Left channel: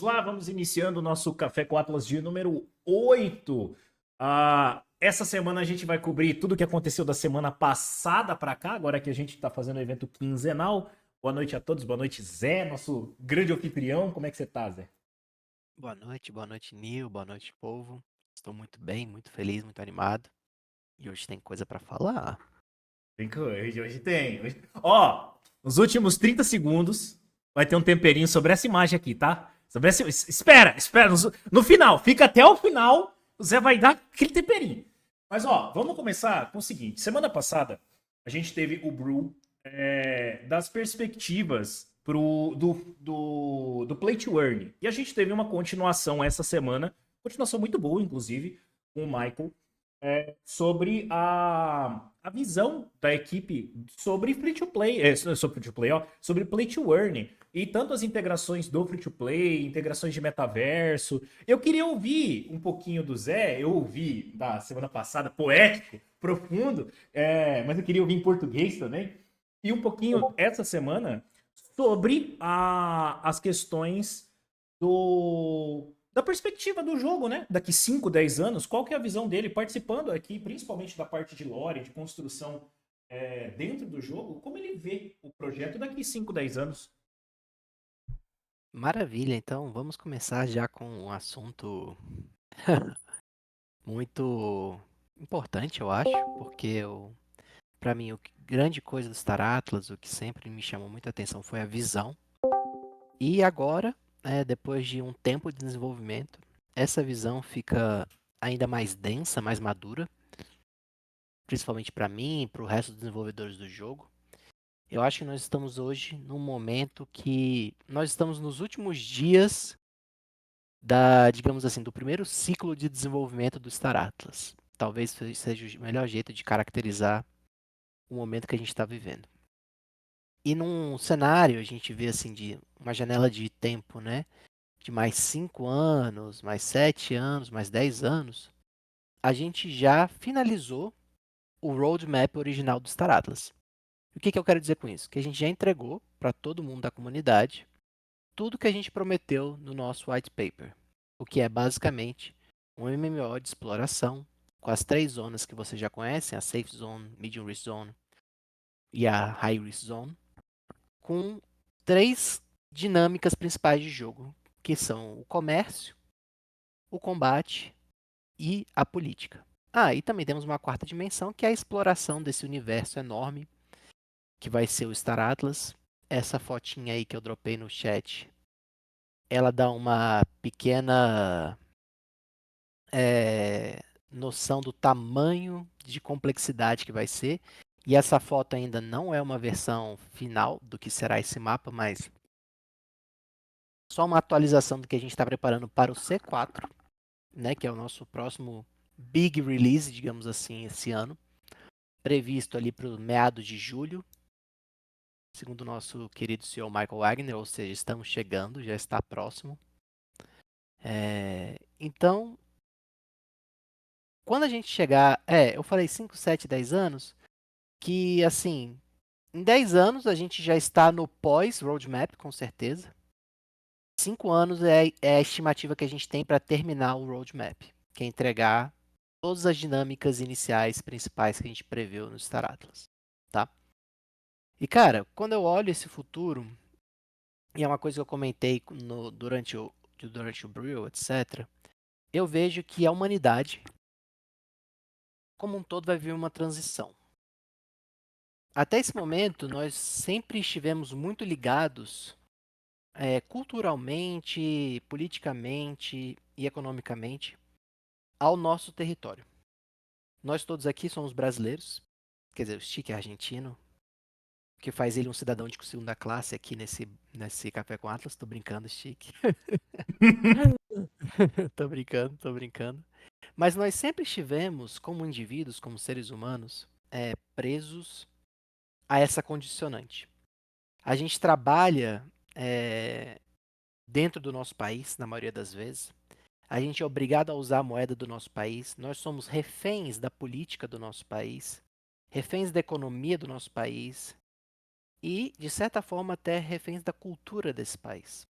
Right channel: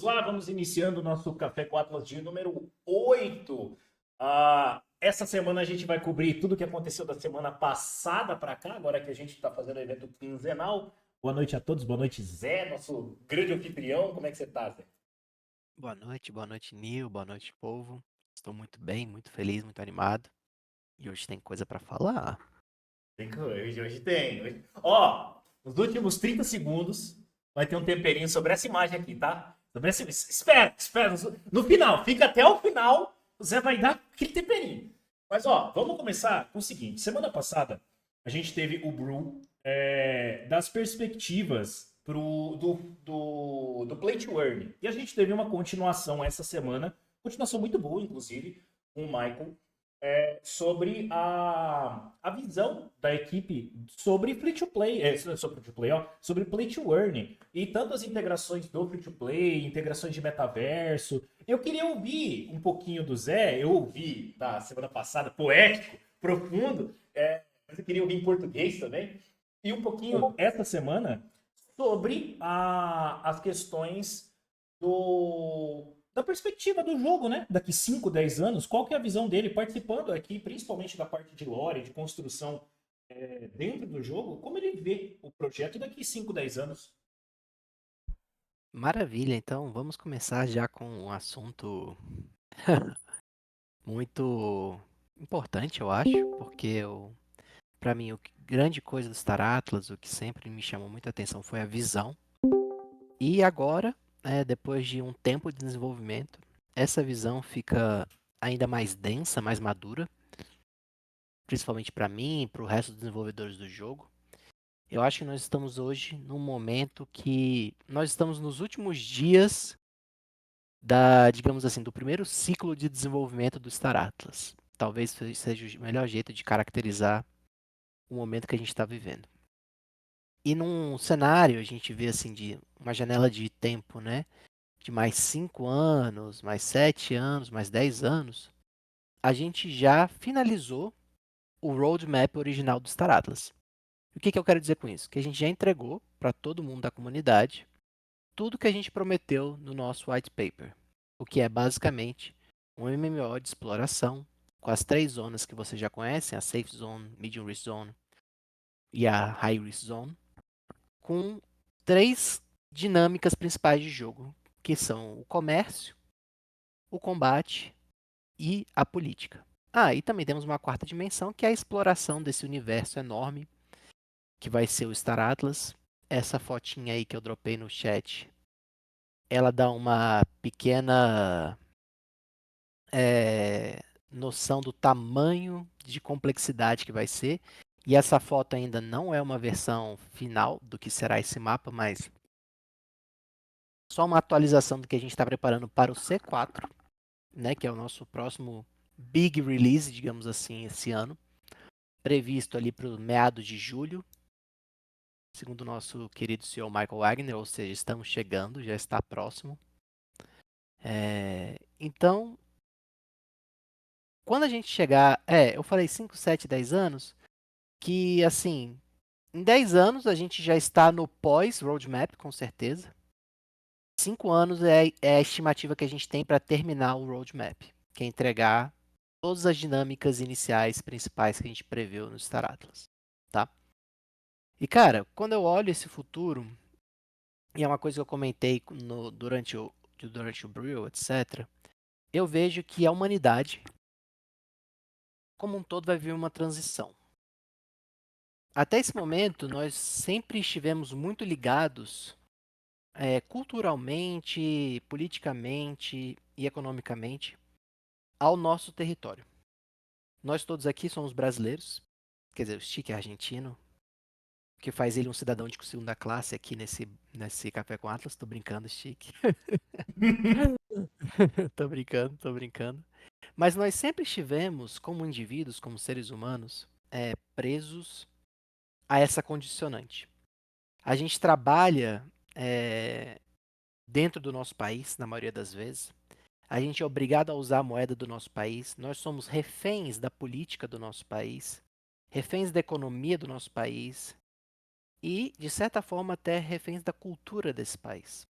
vamos iniciando o nosso Café com Atlas dia número 8. Essa semana a gente vai cobrir tudo o que aconteceu da semana passada para cá, agora que a gente está fazendo o evento quinzenal. Boa noite a todos, boa noite Zé, nosso grande anfitrião. Como é que você tá, Zé? Boa noite, Nil, boa noite, povo. Estou muito bem, muito feliz, muito animado. E hoje tem coisa pra falar. Tem coisa, hoje tem. Ó, nos últimos 30 segundos vai ter um temperinho sobre essa imagem aqui, tá? Espera, no final, fica até o final, o Zé vai dar aquele temperinho. Mas ó, vamos começar com o seguinte: semana passada a gente teve o Brew das perspectivas do Play to Earn. E a gente teve uma continuação essa semana, continuação muito boa, inclusive, com o Michael, sobre a visão da equipe sobre free to play, sobre free to play, ó, sobre play to earn e tanto as integrações do free to play, integrações de metaverso. Eu queria ouvir um pouquinho do Zé, eu ouvi da semana passada, poético, profundo, mas eu queria ouvir em português também, e um pouquinho essa semana sobre as questões da perspectiva do jogo, né? Daqui 5, 10 anos, qual que é a visão dele participando aqui, principalmente da parte de lore, de construção dentro do jogo, como ele vê o projeto daqui 5, 10 anos. Maravilha, então vamos começar já com um assunto muito importante, eu acho, porque para mim grande coisa do Star Atlas, o que sempre me chamou muita atenção foi a visão. E agora, depois de um tempo de desenvolvimento, essa visão fica ainda mais densa, mais madura, principalmente para mim e para o resto dos desenvolvedores do jogo. Eu acho que nós estamos hoje num momento que nós estamos nos últimos dias digamos assim, do primeiro ciclo de desenvolvimento do Star Atlas. Talvez seja o melhor jeito de caracterizar o momento que a gente está vivendo. E num cenário, a gente vê assim, de uma janela de tempo, né? De mais 5 anos, mais 7 anos, mais 10 anos, a gente já finalizou o roadmap original do Star Atlas. O que eu quero dizer com isso? Que a gente já entregou para todo mundo da comunidade tudo que a gente prometeu no nosso white paper, o que é basicamente um MMO de exploração com as 3 zonas que você já conhece, a Safe Zone, Medium Risk Zone e a High Risk Zone, com 3 dinâmicas principais de jogo, que são o comércio, o combate e a política. E também temos uma quarta dimensão, que é a exploração desse universo enorme, que vai ser o Star Atlas. Essa fotinha aí que eu dropei no chat, ela dá uma pequena noção do tamanho de complexidade que vai ser. E essa foto ainda não é uma versão final do que será esse mapa, mas só uma atualização do que a gente está preparando para o C4, né, que é o nosso próximo big release, digamos assim, esse ano, previsto ali para o meados de julho, segundo o nosso querido CEO Michael Wagner, ou seja, estamos chegando, já está próximo. Então, quando a gente chegar, eu falei 5, 7, 10 anos, que assim, em 10 anos a gente já está no pós-roadmap, com certeza. 5 anos é a estimativa que a gente tem para terminar o roadmap, que é entregar todas as dinâmicas iniciais principais que a gente preveu no Star Atlas, tá? E cara, quando eu olho esse futuro, e é uma coisa que eu comentei durante o Brew, etc., eu vejo que a humanidade, como um todo, vai viver uma transição. Até esse momento, nós sempre estivemos muito ligados culturalmente, politicamente e economicamente ao nosso território. Nós todos aqui somos brasileiros, quer dizer, o Stick é argentino, o que faz ele um cidadão de segunda classe aqui nesse Café com Atlas. Tô brincando, Stick. Tô brincando, tô brincando. Mas nós sempre estivemos, como indivíduos, como seres humanos, presos a essa condicionante. A gente trabalha dentro do nosso país, na maioria das vezes. A gente é obrigado a usar a moeda do nosso país. Nós somos reféns da política do nosso país, reféns da economia do nosso país e, de certa forma, até reféns da cultura desse país.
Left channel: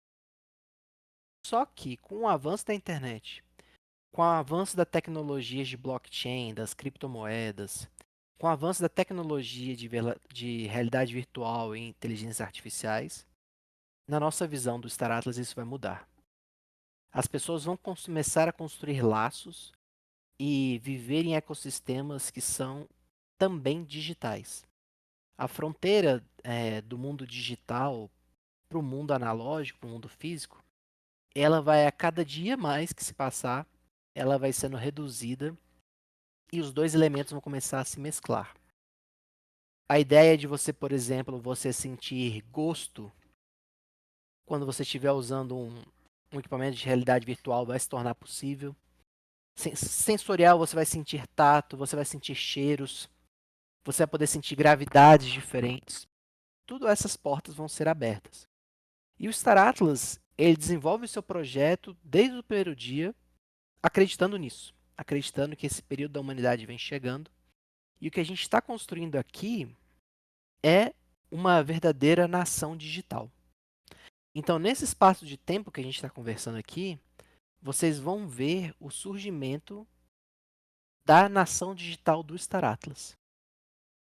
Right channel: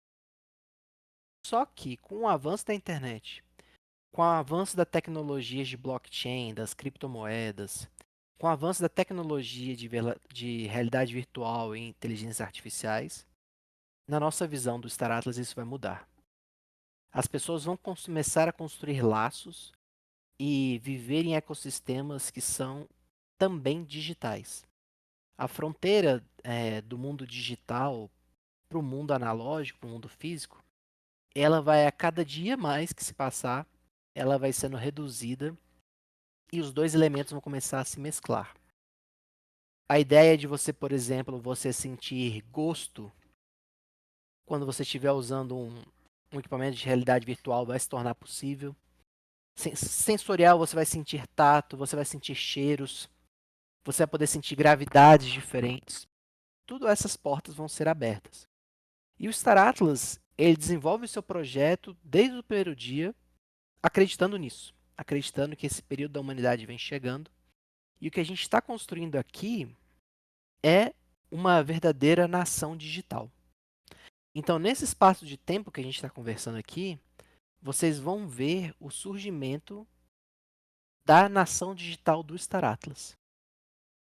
Só que com o avanço da internet, com o avanço da tecnologia de blockchain, das criptomoedas, com o avanço da tecnologia de realidade virtual e inteligências artificiais, na nossa visão do Star Atlas isso vai mudar. As pessoas vão começar a construir laços e viver em ecossistemas que são também digitais. A fronteira do mundo digital para o mundo analógico, para o mundo físico, ela vai a cada dia mais que se passar, ela vai sendo reduzida e os dois elementos vão começar a se mesclar. A ideia de você, por exemplo, você sentir gosto quando você estiver usando um equipamento de realidade virtual vai se tornar possível. Sensorial, você vai sentir tato, você vai sentir cheiros, você vai poder sentir gravidades diferentes. Tudo essas portas vão ser abertas. E o Star Atlas, ele desenvolve o seu projeto desde o primeiro dia, acreditando nisso, acreditando que esse período da humanidade vem chegando. E o que a gente está construindo aqui é uma verdadeira nação digital. Então, nesse espaço de tempo que a gente está conversando aqui, vocês vão ver o surgimento da nação digital do Star Atlas.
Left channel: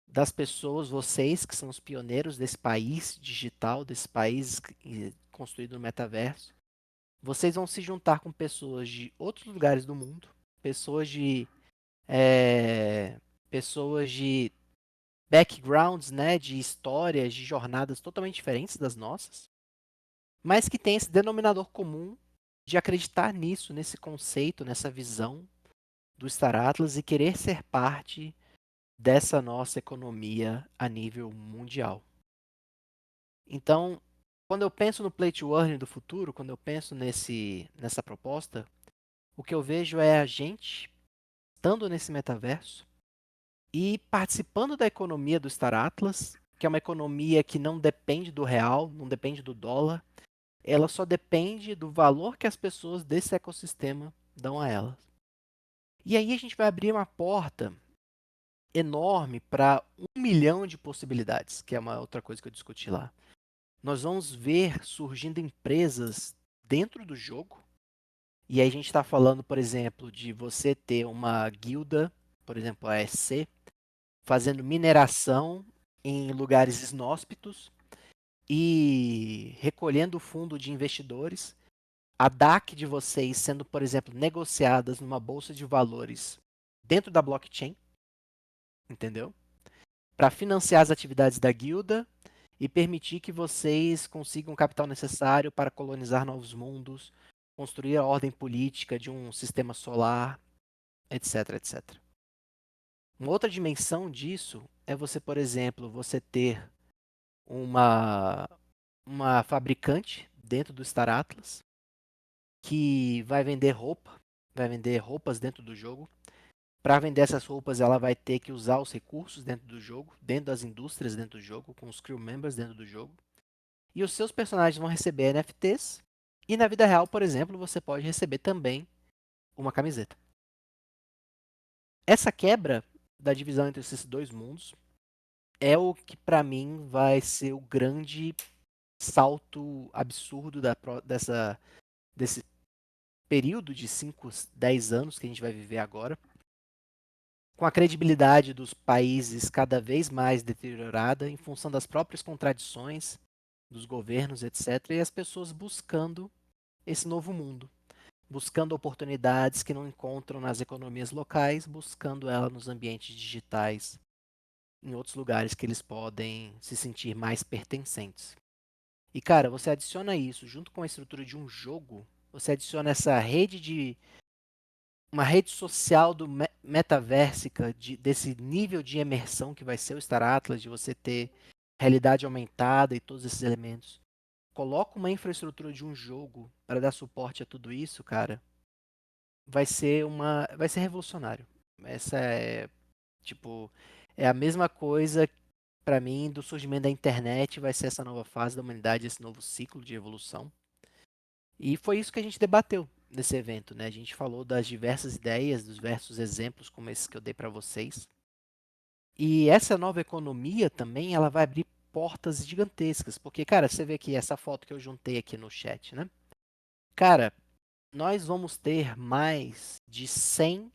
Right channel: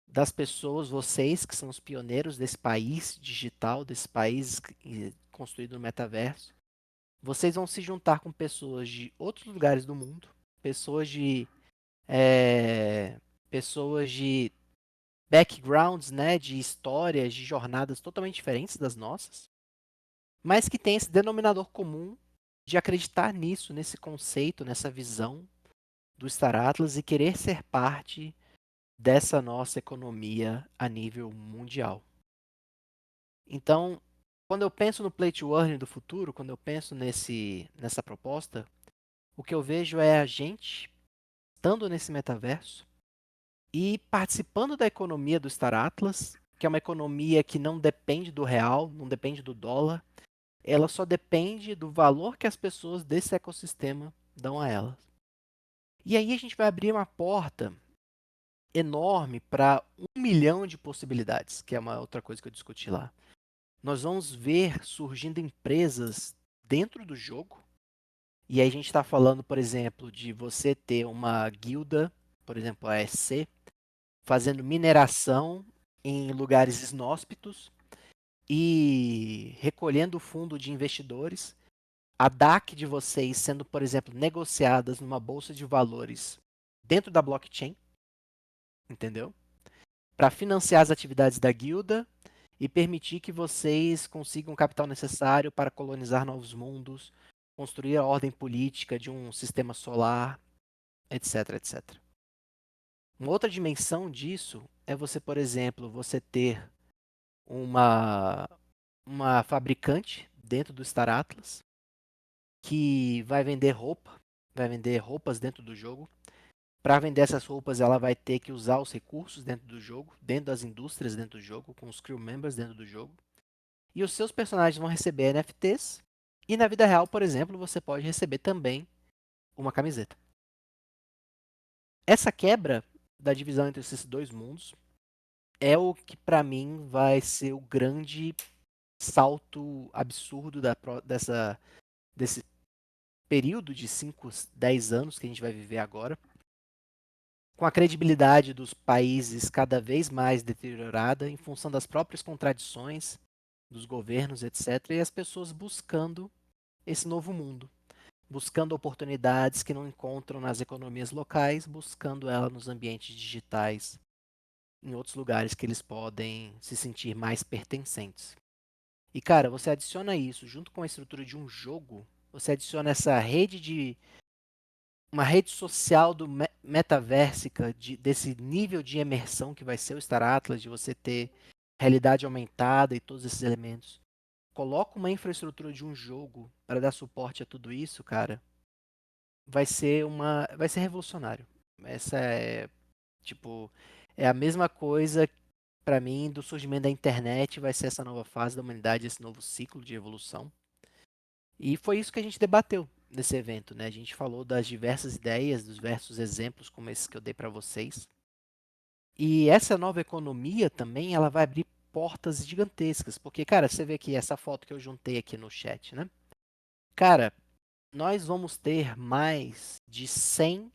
Das pessoas, vocês que são os pioneiros desse país digital, desse país construído no metaverso, vocês vão se juntar com pessoas de outros lugares do mundo, pessoas de eh, pessoas de backgrounds, né, de histórias, de jornadas totalmente diferentes das nossas, mas que têm esse denominador comum de acreditar nisso, nesse conceito, nessa visão do Star Atlas e querer ser parte dessa nossa economia a nível mundial. Então, quando eu penso no Play to Earn do futuro, quando eu penso nessa proposta, o que eu vejo é a gente estando nesse metaverso e participando da economia do Star Atlas, que é uma economia que não depende do real, não depende do dólar, ela só depende do valor que as pessoas desse ecossistema dão a ela. E aí a gente vai abrir uma porta enorme para 1 milhão de possibilidades, que é uma outra coisa que eu discuti lá. Nós vamos ver surgindo empresas dentro do jogo. E aí a gente está falando, por exemplo, de você ter uma guilda, por exemplo, a SC, fazendo mineração em lugares inóspitos e recolhendo fundo de investidores. A DAC de vocês sendo, por exemplo, negociadas numa bolsa de valores dentro da blockchain, entendeu? Para financiar as atividades da guilda e permitir que vocês consigam o capital necessário para colonizar novos mundos, construir a ordem política de um sistema solar, etc, etc. Uma outra dimensão disso é você, por exemplo, você ter uma, uma fabricante dentro do Star Atlas que vai vender roupa, vai vender roupas dentro do jogo. Para vender essas roupas, ela vai ter que usar os recursos dentro do jogo, dentro das indústrias dentro do jogo, com os crew members dentro do jogo. E os seus personagens vão receber NFTs. E na vida real, por exemplo, você pode receber também uma camiseta. Essa quebra da divisão entre esses dois mundos é o que para mim vai ser o grande salto absurdo desse período de 5, 10 anos que a gente vai viver agora, com a credibilidade dos países cada vez mais deteriorada em função das próprias contradições dos governos, etc., e as pessoas buscando esse novo mundo, buscando oportunidades que não encontram nas economias locais, buscando ela nos ambientes digitais, em outros lugares que eles podem se sentir mais pertencentes. E cara, você adiciona isso junto com a estrutura de um jogo, você adiciona essa rede de uma rede social do metaversica, desse nível de imersão que vai ser o Star Atlas, de você ter realidade aumentada e todos esses elementos. Coloca uma infraestrutura de um jogo para dar suporte a tudo isso, cara, vai ser revolucionário. Essa é, tipo, é a mesma coisa para mim do surgimento da internet, vai ser essa nova fase da humanidade, esse novo ciclo de evolução. E foi isso que a gente debateu nesse evento, né? A gente falou das diversas ideias, dos diversos exemplos como esses que eu dei para vocês. E essa nova economia também, ela vai abrir portas gigantescas, porque, cara, você vê aqui essa foto que eu juntei aqui no chat, né? Cara, nós vamos ter mais de 100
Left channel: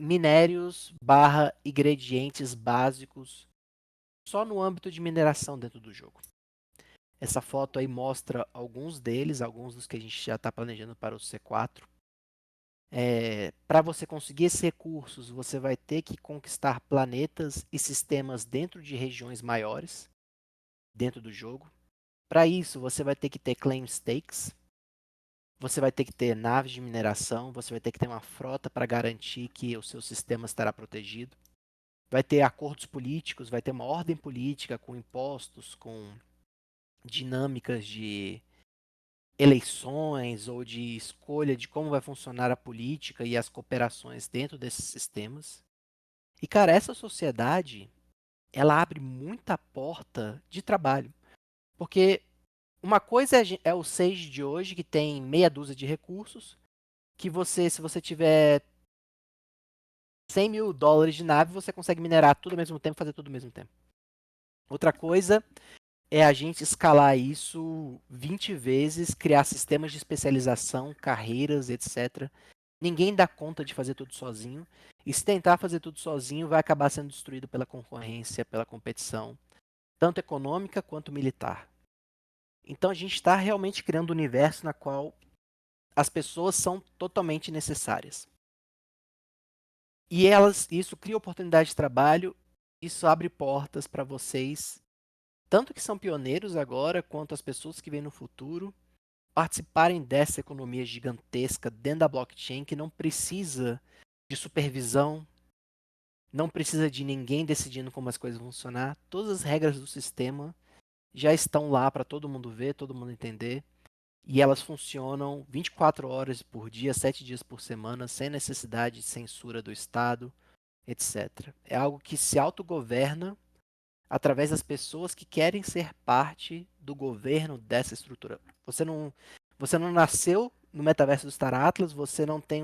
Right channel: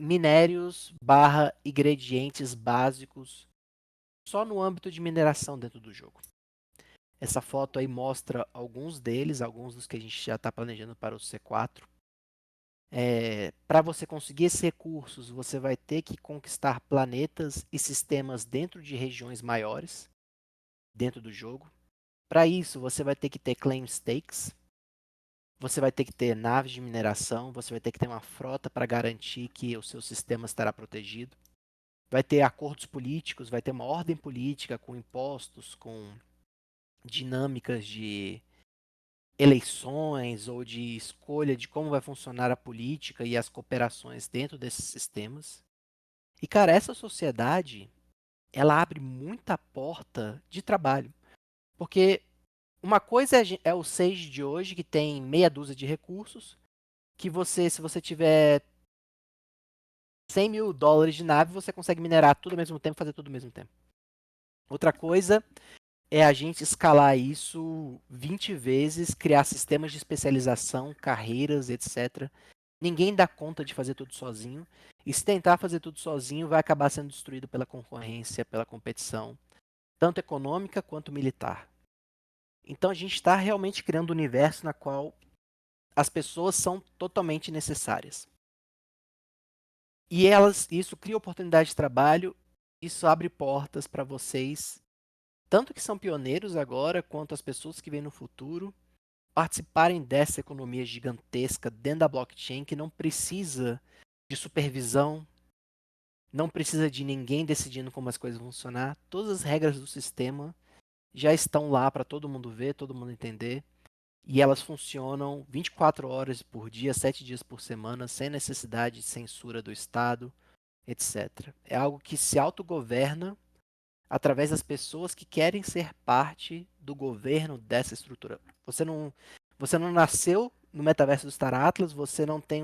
minérios barra ingredientes básicos só no âmbito de mineração dentro do jogo. Essa foto aí mostra alguns deles, alguns dos que a gente já está planejando para o C4. Para você conseguir esses recursos, você vai ter que conquistar planetas e sistemas dentro de regiões maiores, dentro do jogo. Para isso, você vai ter que ter claim stakes, você vai ter que ter naves de mineração, você vai ter que ter uma frota para garantir que o seu sistema estará protegido. Vai ter acordos políticos, vai ter uma ordem política com impostos, com dinâmicas de eleições ou de escolha de como vai funcionar a política e as cooperações dentro desses sistemas. E, cara, essa sociedade, ela abre muita porta de trabalho. Porque uma coisa é o Sage de hoje, que tem meia dúzia de recursos, que você, se você tiver $100.000 de nave, você consegue minerar tudo ao mesmo tempo, fazer tudo ao mesmo tempo. Outra coisa é a gente escalar isso 20 vezes, criar sistemas de especialização, carreiras, etc. Ninguém dá conta de fazer tudo sozinho. E se tentar fazer tudo sozinho, vai acabar sendo destruído pela concorrência, pela competição, tanto econômica quanto militar. Então a gente está realmente criando um universo na qual as pessoas são totalmente necessárias. E isso cria oportunidade de trabalho, isso abre portas para vocês, tanto que são pioneiros agora, quanto as pessoas que vêm no futuro, participarem dessa economia gigantesca dentro da blockchain que não precisa de supervisão, não precisa de ninguém decidindo como as coisas vão funcionar. Todas as regras do sistema já estão lá para todo mundo ver, todo mundo entender. E elas funcionam 24 horas por dia, 7 dias por semana, sem necessidade de censura do Estado, etc. É algo que se autogoverna através das pessoas que querem ser parte do governo dessa estrutura. Você não nasceu no metaverso do Star Atlas, você não tem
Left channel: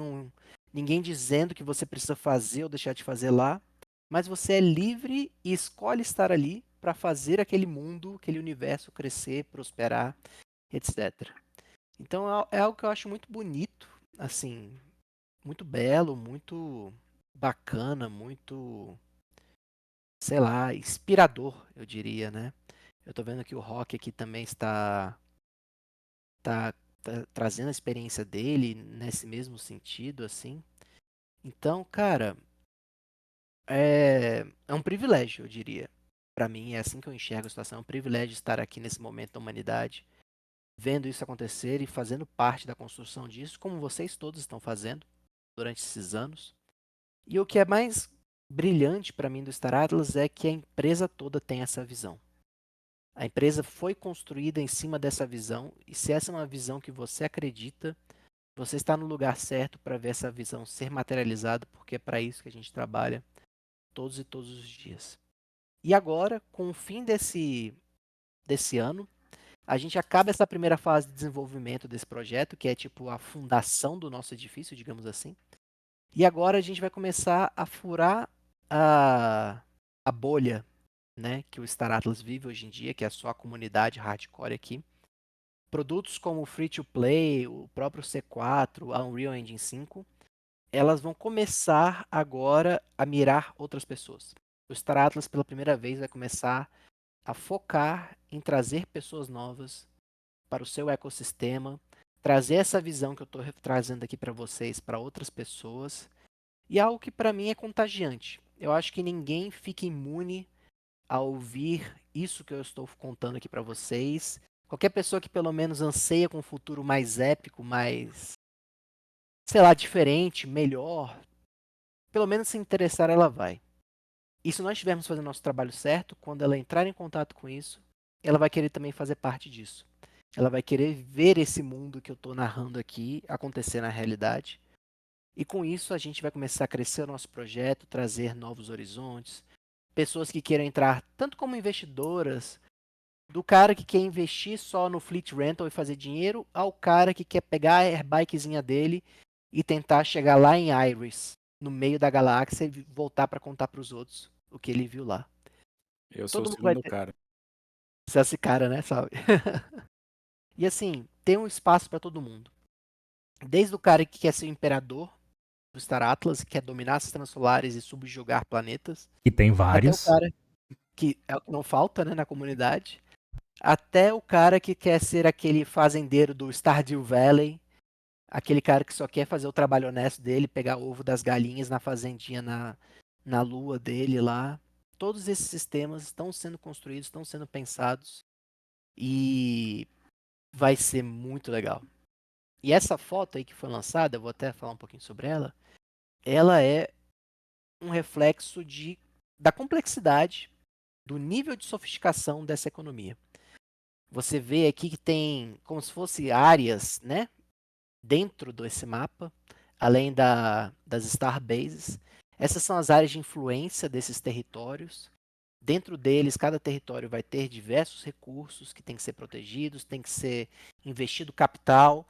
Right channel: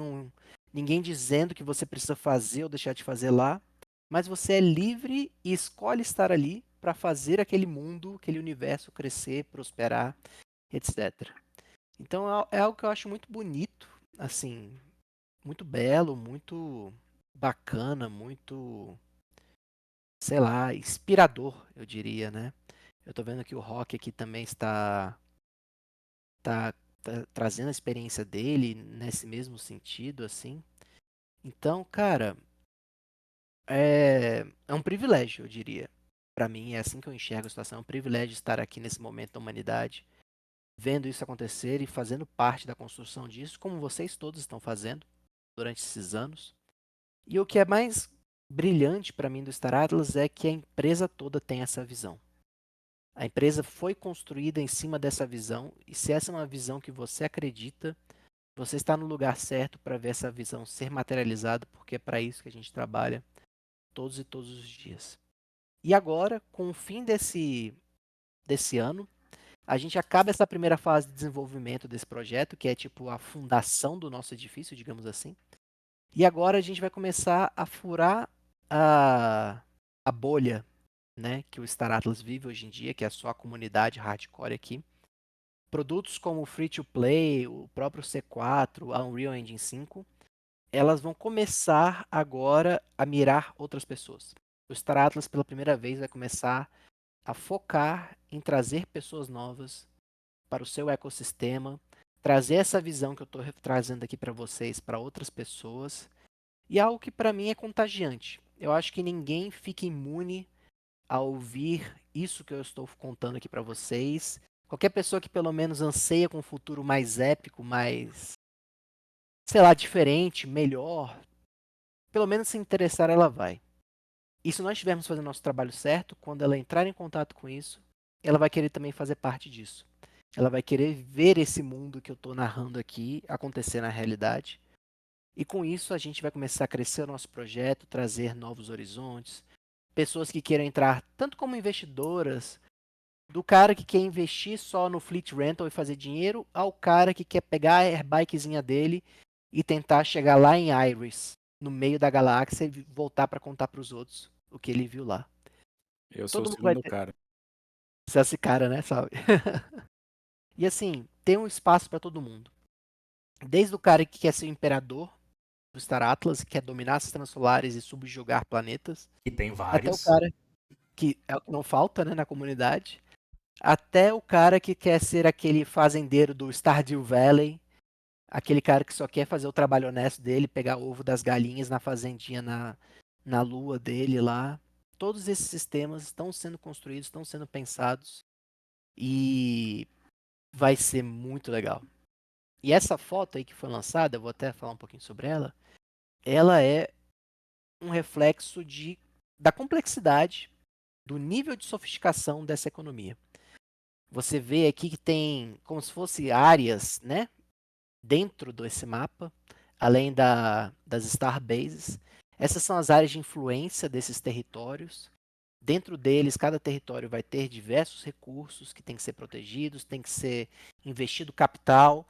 ninguém dizendo que você precisa fazer ou deixar de fazer lá, mas você é livre e escolhe estar ali para fazer aquele mundo, aquele universo crescer, prosperar, etc. Então é algo que eu acho muito bonito, assim, muito belo, muito bacana, muito, sei lá, inspirador, eu diria, né? Eu tô vendo que o Rock aqui também tá, tá trazendo a experiência dele nesse mesmo sentido, assim. Então, cara, é um privilégio, eu diria. Para mim, é assim que eu enxergo a situação. É um privilégio estar aqui nesse momento da humanidade, vendo isso acontecer e fazendo parte da construção disso, como vocês todos estão fazendo durante esses anos. E o que é mais brilhante para mim do Star Atlas é que a empresa toda tem essa visão. A empresa foi construída em cima dessa visão, e se essa é uma visão que você acredita, você está no lugar certo para ver essa visão ser materializada, porque é para isso que a gente trabalha todos e todos os dias. E agora, com o fim desse ano, a gente acaba essa primeira fase de desenvolvimento desse projeto, que é tipo a fundação do nosso edifício, digamos assim. E agora a gente vai começar a furar a bolha, né, que o Star Atlas vive hoje em dia, que é só a comunidade hardcore aqui. Produtos como o Free to Play, o próprio C4, a Unreal Engine 5, elas vão começar agora a mirar outras pessoas. O Star Atlas, pela primeira vez, vai começar a focar em trazer pessoas novas para o seu ecossistema, trazer essa visão que eu estou trazendo aqui para vocês para outras pessoas, e algo que para mim é contagiante. Eu acho que ninguém fica imune a ouvir isso que eu estou contando aqui para vocês. Qualquer pessoa que pelo menos anseia com um futuro mais épico, mais, sei lá, diferente, melhor, pelo menos se interessar, ela vai. E se nós estivermos fazendo nosso trabalho certo, quando ela entrar em contato com isso, ela vai querer também fazer parte disso. Ela vai querer ver esse mundo que eu estou narrando aqui acontecer na realidade. E com isso a gente vai começar a crescer o nosso projeto, trazer novos horizontes, pessoas que queiram entrar tanto como investidoras, do cara que quer investir só no fleet rental e fazer dinheiro, ao cara que quer pegar a airbikezinha dele e tentar chegar lá em Iris, no meio da galáxia, e voltar para contar para os outros o que ele viu lá. Eu sou o Todo mundo vai segundo ter cara. esse cara, né, sabe? E assim, tem um espaço para todo mundo. Desde o cara que quer ser o imperador do Star Atlas, que quer dominar sistemas solares e subjugar planetas, Que tem até o vários. cara que é o que não falta, né, na comunidade, até o cara que quer ser aquele fazendeiro do Stardew Valley, aquele cara que só quer fazer o trabalho honesto dele, pegar ovo das galinhas na fazendinha na lua dele lá. Todos esses sistemas estão sendo construídos, estão sendo pensados e vai ser muito legal. E essa foto aí que foi lançada, eu vou até falar um pouquinho sobre ela, ela é um reflexo da complexidade, do nível de sofisticação dessa economia. Você vê aqui que tem como se fosse áreas, né, dentro desse mapa, além das Star Bases. Essas são as áreas de influência desses territórios. Dentro deles, cada território vai ter diversos recursos que têm que ser protegidos, tem que ser investido capital,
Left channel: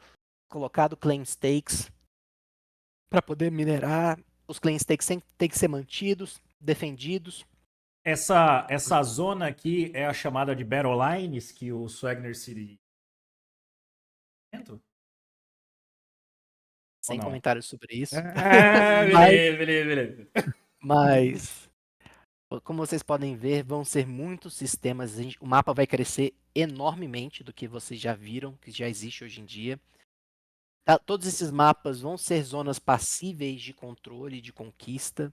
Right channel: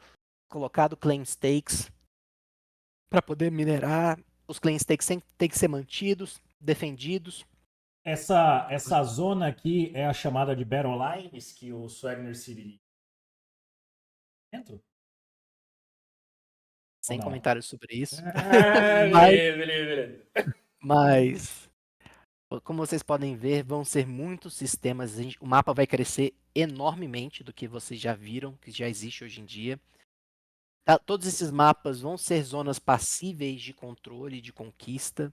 colocado claim stakes para poder minerar. Os claim stakes têm que ser mantidos, defendidos. Essa zona aqui é a chamada de Battle Lines, que o Swagner se... Ou Sem não? comentários sobre isso. Ah, mas, beleza, beleza, beleza. mas, como vocês podem ver, vão ser muitos sistemas. O mapa vai crescer enormemente do que vocês já viram, que já existe hoje em dia. Todos esses mapas vão ser zonas passíveis de controle, de conquista.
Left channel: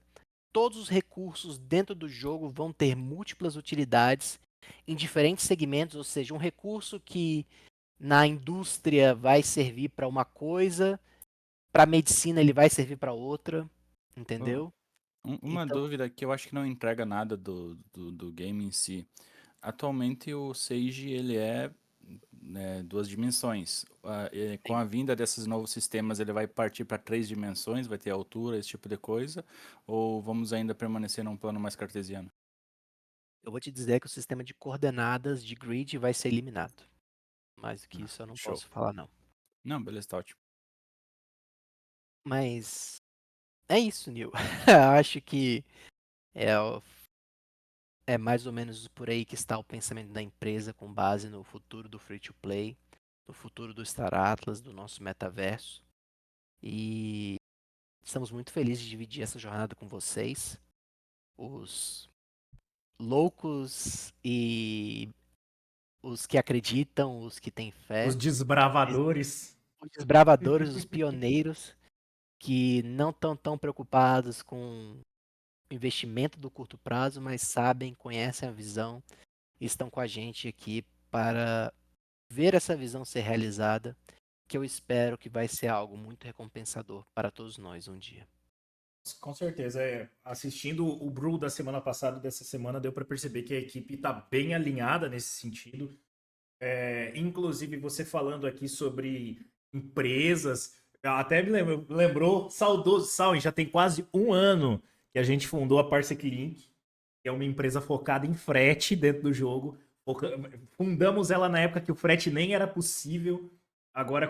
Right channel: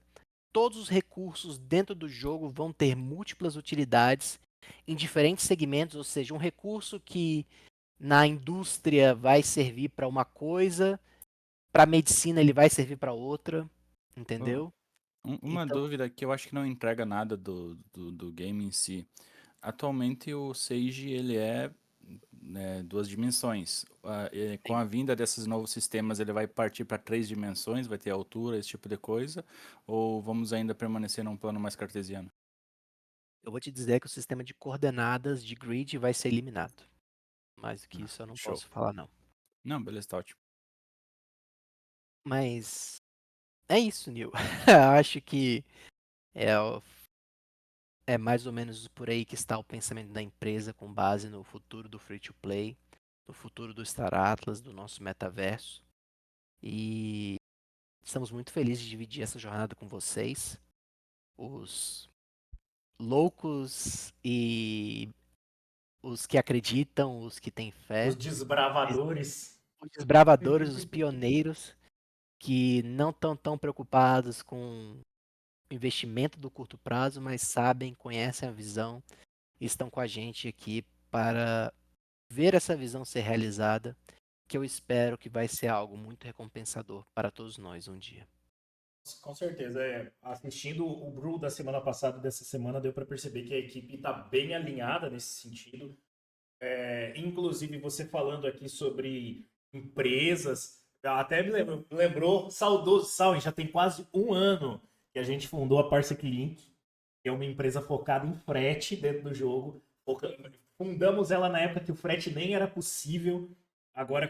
Todos os recursos dentro do jogo vão ter múltiplas utilidades em diferentes segmentos, ou seja, um recurso que na indústria vai servir para uma coisa, para a medicina ele vai servir para outra, Oh, entendeu? uma Então, dúvida que eu acho que não entrega nada do game em si. Atualmente o Sage ele é, né, duas dimensões. Com sim, a vinda desses novos sistemas ele vai partir para três dimensões, vai ter altura, esse tipo de coisa, ou vamos ainda permanecer num plano mais cartesiano? eu vou te dizer que o sistema de coordenadas de grid vai ser eliminado. Mais do que Ah, isso eu não show. posso falar não. Não, beleza, tá ótimo. Mas é isso, Neil. Acho que é, é mais ou menos por aí que está o pensamento da empresa com base no futuro do free to play, no futuro do Star Atlas, do nosso metaverso. E estamos muito felizes de dividir essa jornada com vocês, os loucos e os que acreditam, os que têm Os fé, desbravadores. os desbravadores, os pioneiros que não estão tão preocupados com o investimento do curto prazo, mas sabem, conhecem a visão e estão com a gente aqui para ver essa visão ser realizada, que eu espero que vai ser algo muito recompensador para todos nós um dia. Com certeza, assistindo o Brew da semana passada, dessa semana, deu para perceber que a equipe está bem alinhada nesse sentido. Inclusive, você falando aqui sobre empresas, até lembrou, saudoso Salve, já tem quase um ano que a gente fundou a Parsec Link, que é uma empresa focada em frete dentro do jogo. Fundamos ela na época que o frete nem era possível, agora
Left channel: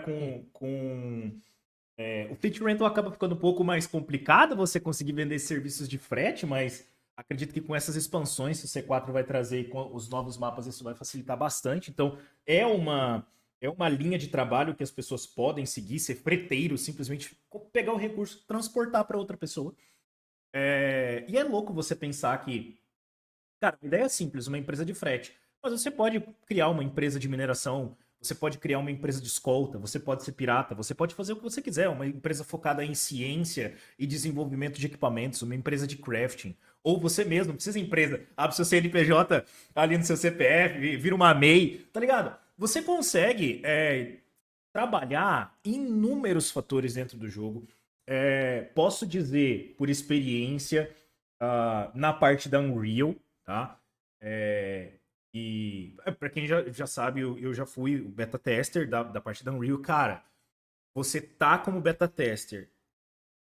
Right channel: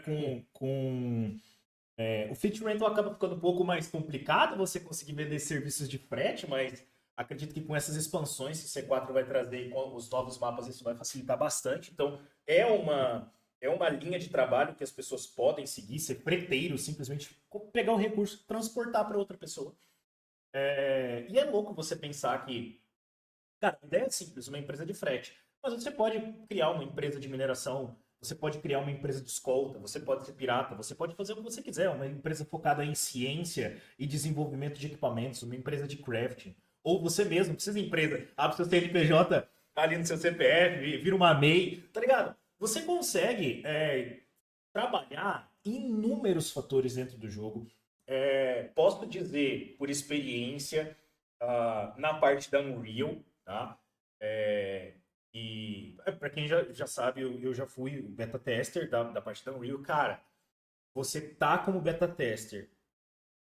o Fleet Rental acaba ficando um pouco mais complicado você conseguir vender serviços de frete, mas acredito que com essas expansões que o C4 vai trazer e com os novos mapas isso vai facilitar bastante. Então é uma linha de trabalho que as pessoas podem seguir, ser freteiro, simplesmente pegar o recurso, transportar para outra pessoa. E é louco você pensar que, cara, a ideia é simples, uma empresa de frete. Mas você pode criar uma empresa de mineração, você pode criar uma empresa de escolta, você pode ser pirata, você pode fazer o que você quiser, uma empresa focada em ciência e desenvolvimento de equipamentos, uma empresa de crafting. Ou você mesmo, não precisa de empresa, abre seu CNPJ ali no seu CPF, vira uma MEI, tá ligado? Você consegue trabalhar inúmeros fatores dentro do jogo. Posso dizer, por experiência, na parte da Unreal, tá? É, para quem já sabe, eu já fui o beta tester da parte da Unreal. Cara, você tá como beta tester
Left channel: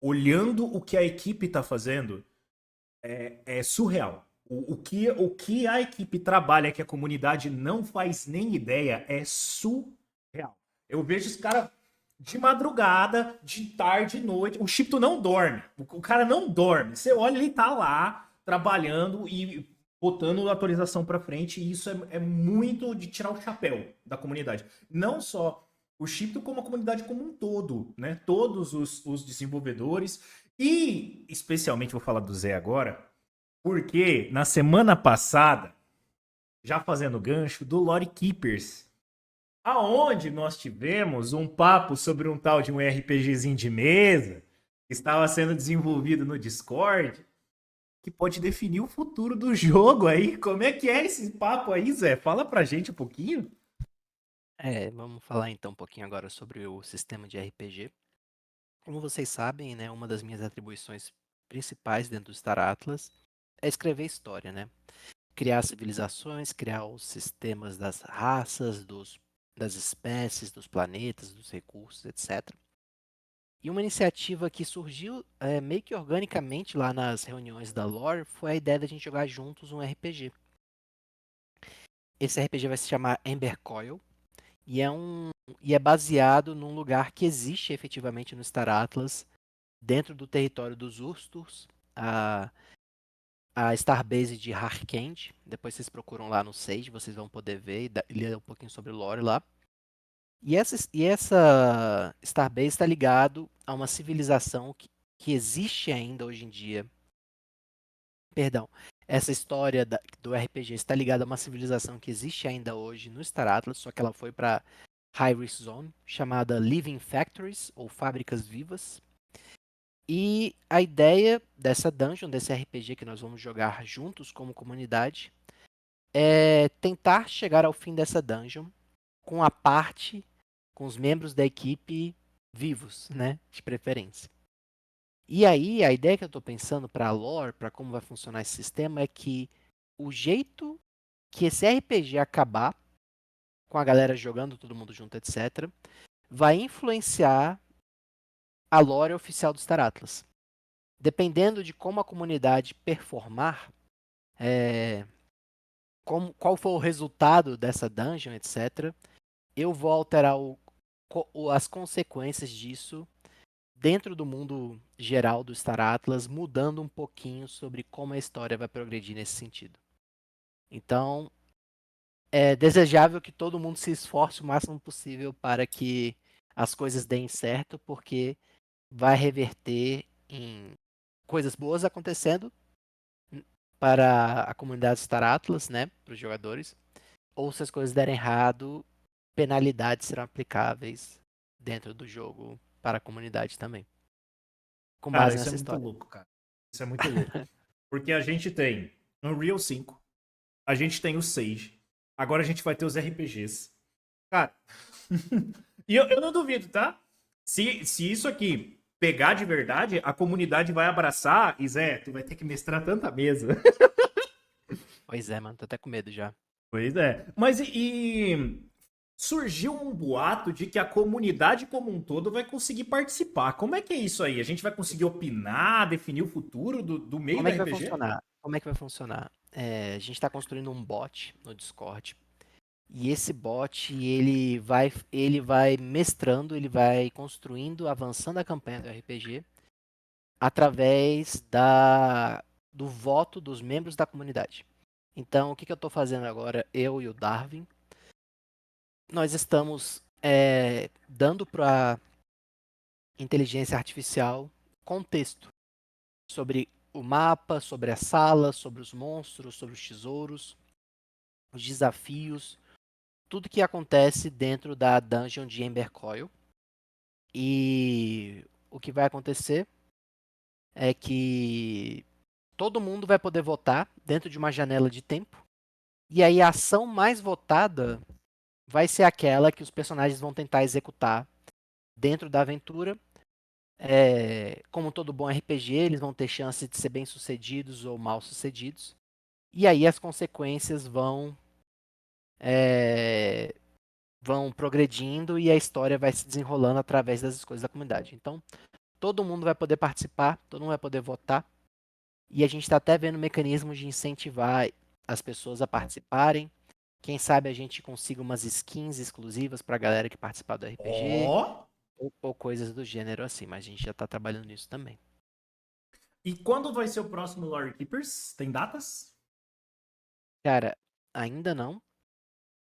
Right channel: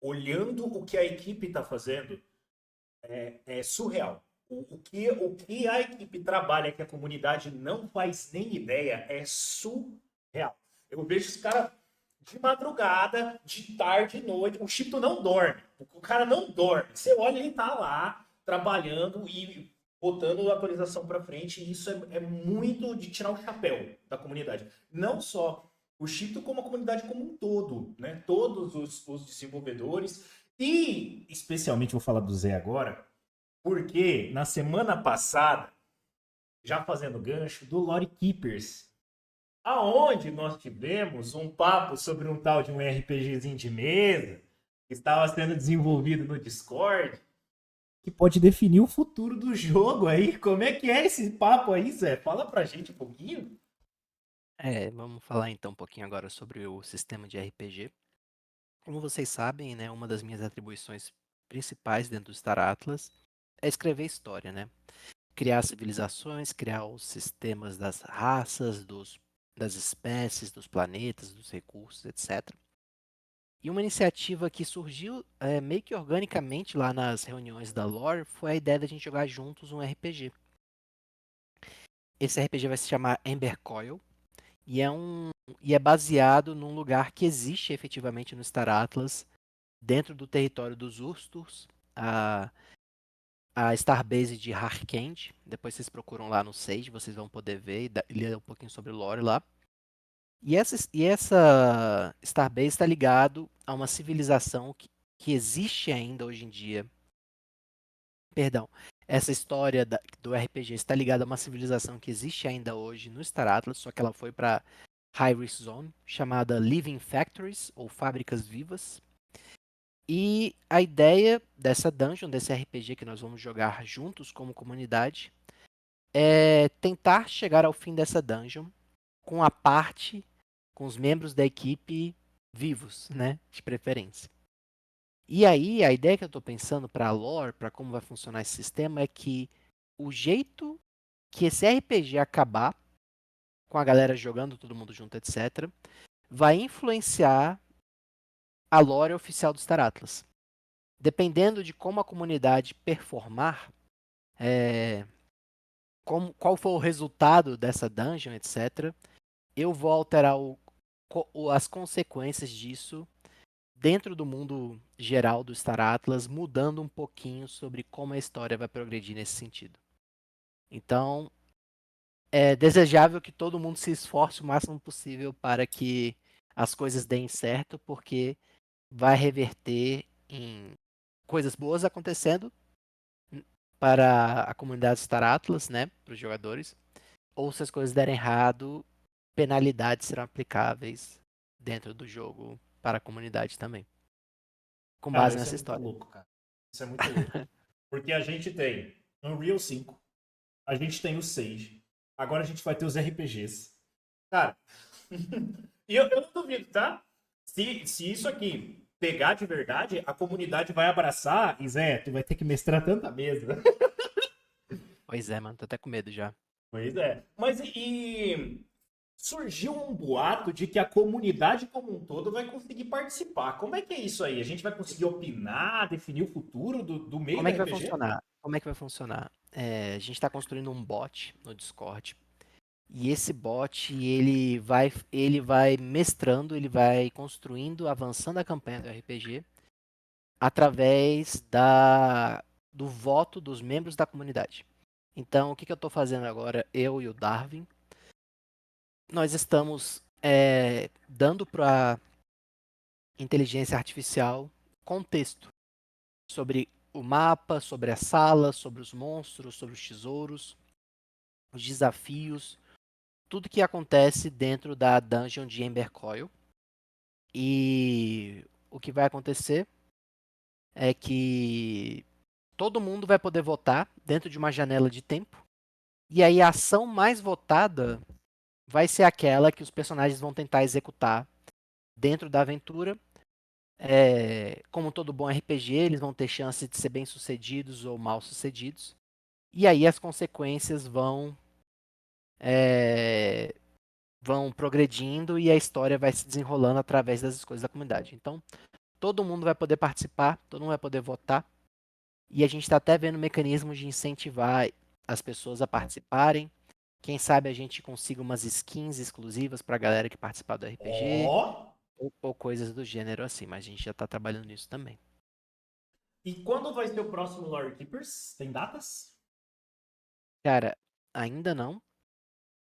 olhando o que a equipe tá fazendo é surreal. O que a equipe trabalha que a comunidade não faz nem ideia é surreal. Eu vejo os caras de madrugada, de tarde, de noite. O Chipto não dorme. O cara não dorme. Você olha, ele tá lá trabalhando e botando a atualização para frente, e isso é muito de tirar o chapéu da comunidade. Não só o Chito, como a comunidade como um todo, né? Todos os desenvolvedores, e especialmente vou falar do Zé agora, porque na semana passada, já fazendo gancho, do Lore Keepers, aonde nós tivemos um papo sobre um tal de um RPGzinho de mesa que estava sendo desenvolvido no Discord, que pode definir o futuro do jogo aí. Como é que é esse papo aí, Zé? Fala pra gente um pouquinho. Vamos falar então um pouquinho agora sobre o sistema de RPG. Como vocês sabem, né, uma das minhas atribuições principais dentro do Star Atlas é escrever história, né? Criar civilizações, criar os sistemas das raças, das espécies, dos planetas, dos recursos, etc. E uma iniciativa que surgiu meio que organicamente lá nas reuniões da Lore foi a ideia da gente jogar juntos um RPG. Esse RPG vai se chamar Ember Coil e é baseado num lugar que existe efetivamente no Star Atlas, dentro do território dos Ursturs, a Starbase de Harkend. Depois vocês procuram lá no Sage, vocês vão poder ver e ler um pouquinho sobre o lore lá. E essa Starbase está ligado a uma civilização que existe ainda hoje em dia. Perdão, essa história do RPG está ligada a uma civilização que existe ainda hoje no Star Atlas, só que ela foi para High Risk Zone, chamada Living Factories, ou Fábricas Vivas. E a ideia dessa dungeon, desse RPG que nós vamos jogar juntos como comunidade, é tentar chegar ao fim dessa dungeon com a parte, com os membros da equipe vivos, né, de preferência. E aí, a ideia que eu estou pensando para a lore, para como vai funcionar esse sistema, é que o jeito que esse RPG acabar, com a galera jogando, todo mundo junto, etc., vai influenciar a lore oficial do Star Atlas. Dependendo de como a comunidade performar, é, qual for o resultado dessa dungeon, etc., eu vou alterar as consequências disso dentro do mundo geral do Star Atlas, mudando um pouquinho sobre como a história vai progredir nesse sentido. Então, é desejável que todo mundo se esforce o máximo possível para que as coisas deem certo, porque vai reverter em coisas boas acontecendo para a comunidade Star Atlas, né, para os jogadores, ou se as coisas derem errado, penalidades serão aplicáveis dentro do jogo para a comunidade também, com Cara, base isso é nessa muito história. louco, cara. Isso é muito louco. Porque a gente tem no Real 5, a gente tem o Sage. Agora a gente vai ter os RPGs. Cara, e eu não duvido, tá? Se isso aqui pegar de verdade, a comunidade vai abraçar. E Zé, tu vai ter que mestrar tanta mesa. Pois é, mano, tô até com medo já. Pois é. Mas surgiu um boato de que a comunidade como um todo vai conseguir participar. Como é que é isso aí? A gente vai conseguir opinar, definir o futuro do meio Como do é que vai RPG? funcionar? Como é que vai funcionar? A gente está construindo um bot no Discord. E esse bot, ele vai mestrando, ele vai construindo, avançando a campanha do RPG através do voto dos membros da comunidade. Então, o que eu estou fazendo agora, eu e o Darwin, nós estamos dando para a inteligência artificial contexto sobre o mapa, sobre a sala, sobre os monstros, sobre os tesouros, os desafios, tudo que acontece dentro da dungeon de Ember Coil. E o que vai acontecer é que todo mundo vai poder votar dentro de uma janela de tempo. E aí a ação mais votada vai ser aquela que os personagens vão tentar executar dentro da aventura. Como todo bom RPG, eles vão ter chance de ser bem-sucedidos ou mal-sucedidos. E aí as consequências é, vão progredindo e a história vai se desenrolando através das escolhas da comunidade. Então, todo mundo vai poder participar, todo mundo vai poder votar. E a gente está até vendo mecanismos de incentivar as pessoas a participarem. Quem sabe a gente consiga umas skins exclusivas para a galera que participar do RPG, Ó! ou coisas do gênero assim, mas a gente já está trabalhando nisso também. E quando vai ser o próximo Lore Keepers? Tem datas? Cara, ainda não,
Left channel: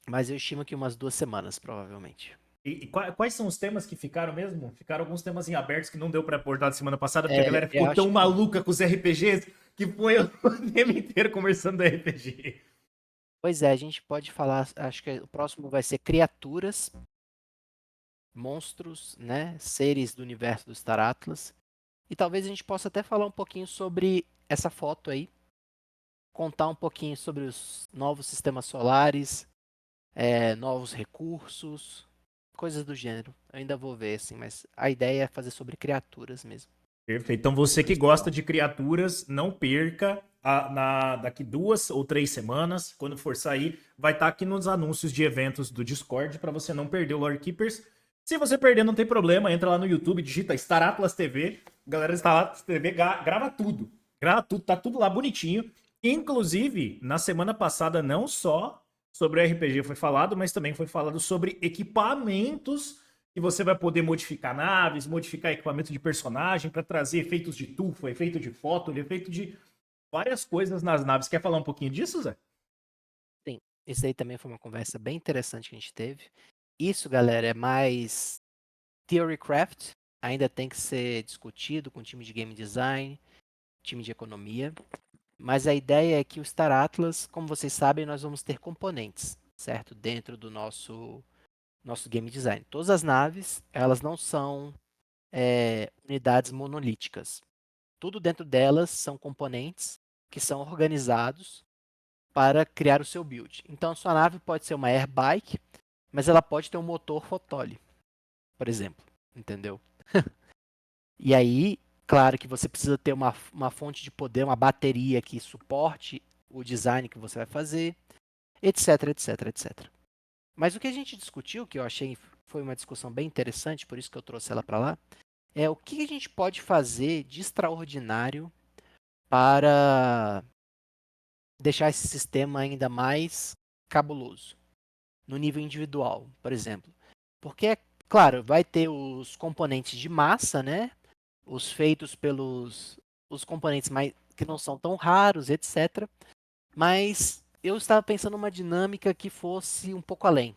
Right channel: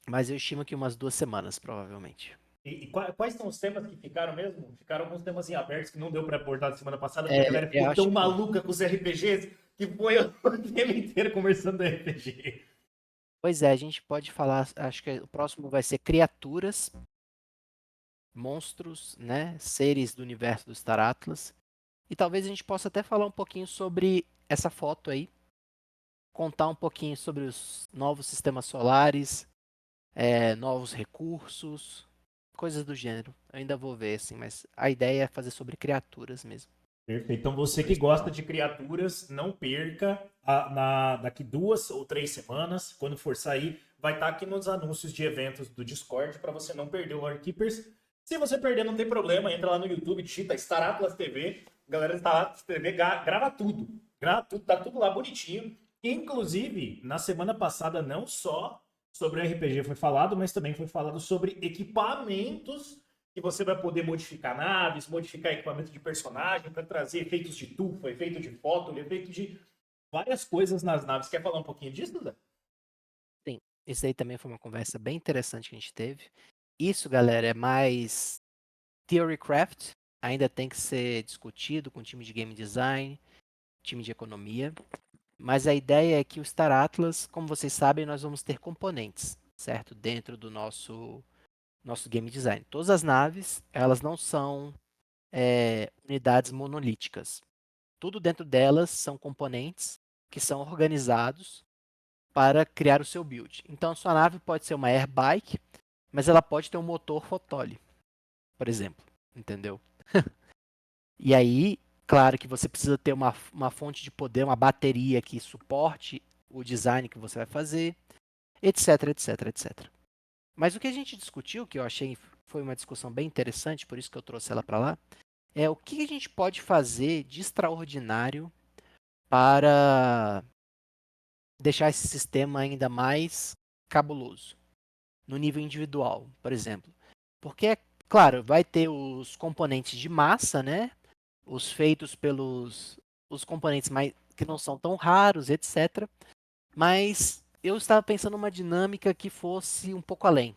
mas eu estimo que umas 2 semanas, provavelmente. E quais são os temas que ficaram mesmo? Ficaram alguns temas em abertos que não deu pra abordar semana passada, porque a É, galera eu ficou acho tão que maluca com os RPGs que foi o tema inteiro conversando do RPG. Pois é, a gente pode falar, acho que o próximo vai ser criaturas, monstros, né, seres do universo do Star Atlas. E talvez a gente possa até falar um pouquinho sobre essa foto aí, contar um pouquinho sobre os novos sistemas solares, novos recursos, coisas do gênero. Eu ainda vou ver, assim, mas a ideia é fazer sobre criaturas mesmo, Perfeito. Então o você que gosta principal. de criaturas, não perca daqui 2 ou 3 semanas, quando for sair, vai estar aqui nos anúncios de eventos do Discord para você não perder o Lore Keepers. Se você perder, não tem problema, entra lá no YouTube, digita Star Atlas TV. Galera, Star Atlas TV grava tudo. Grava tudo, tá tudo lá bonitinho. Inclusive, na semana passada, não só sobre o RPG foi falado, mas também foi falado sobre equipamentos que você vai poder modificar naves, modificar equipamento de personagem para trazer efeitos de tufo, efeito de foto, efeito de várias coisas nas naves. Quer falar um pouquinho disso, Zé? Sim, isso aí também foi uma conversa bem interessante que a gente teve. Isso, galera, é mais Theorycraft, ainda tem que ser discutido com o time de game design, time de economia, mas a ideia é que o Star Atlas, como vocês sabem, nós vamos ter componentes, certo? Dentro do nosso game design. Todas as naves, elas não são unidades monolíticas. Tudo dentro delas são componentes que são organizados para criar o seu build. Então, a sua nave pode ser uma airbike, mas ela pode ter um motor Fotole, por exemplo, entendeu? E aí, claro que você precisa ter uma fonte de poder, uma bateria que suporte o design que você vai fazer, etc, etc, etc. Mas o que a gente discutiu, que eu achei foi uma discussão bem interessante, por isso que eu trouxe ela para lá, é o que a gente pode fazer de extraordinário para deixar esse sistema ainda mais cabuloso, no nível individual, por exemplo. Porque, claro, vai ter os componentes de massa, né? Os feitos pelos os componentes mais, que não são tão raros, etc. Mas eu estava pensando numa dinâmica que fosse um pouco além.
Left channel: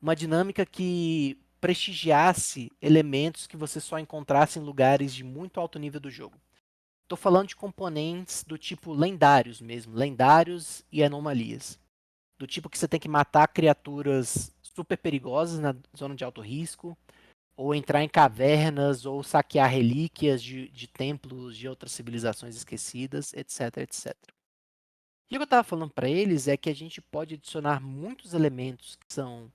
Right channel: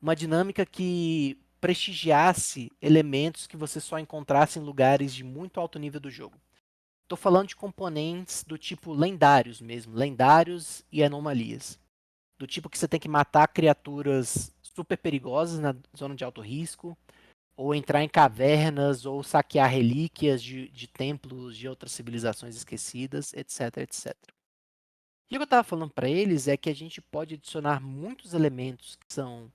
Uma dinâmica que prestigiasse elementos que você só encontrasse em lugares de muito alto nível do jogo. Estou falando de componentes do tipo lendários mesmo, lendários e anomalias. Do tipo que você tem que matar criaturas super perigosas na zona de alto risco, ou entrar em cavernas, ou saquear relíquias de templos de outras civilizações esquecidas, etc, etc. E o que eu estava falando para eles é que a gente pode adicionar muitos elementos que são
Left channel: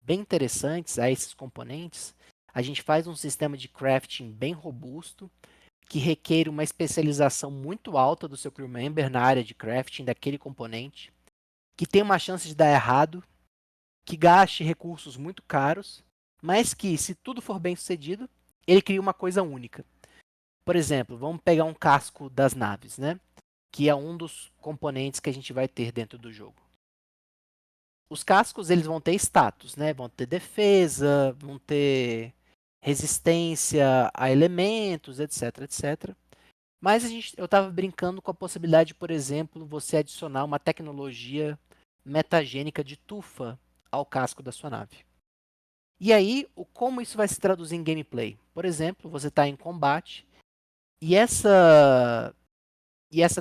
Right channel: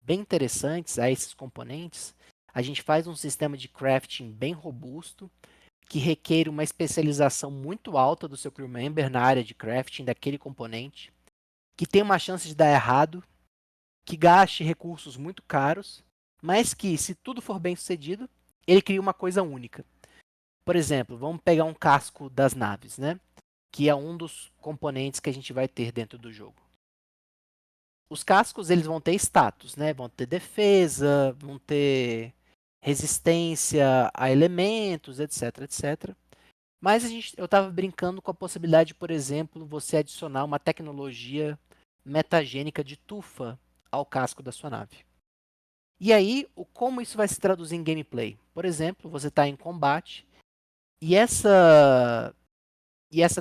bem interessantes a esses componentes. A gente faz um sistema de crafting bem robusto, que requer uma especialização muito alta do seu crew member na área de crafting daquele componente, que tem uma chance de dar errado, que gaste recursos muito caros, mas que, se tudo for bem sucedido, ele cria uma coisa única. Por exemplo, vamos pegar um casco das naves, né? Que é um dos componentes que a gente vai ter dentro do jogo. Os cascos eles vão ter status, né? Vão ter defesa, vão ter resistência a elementos, etc, etc. Mas eu estava brincando com a possibilidade, por exemplo, você adicionar uma tecnologia metagênica de tufa ao casco da sua nave. E aí, como isso vai se traduzir em gameplay? Por exemplo, você está em combate e essa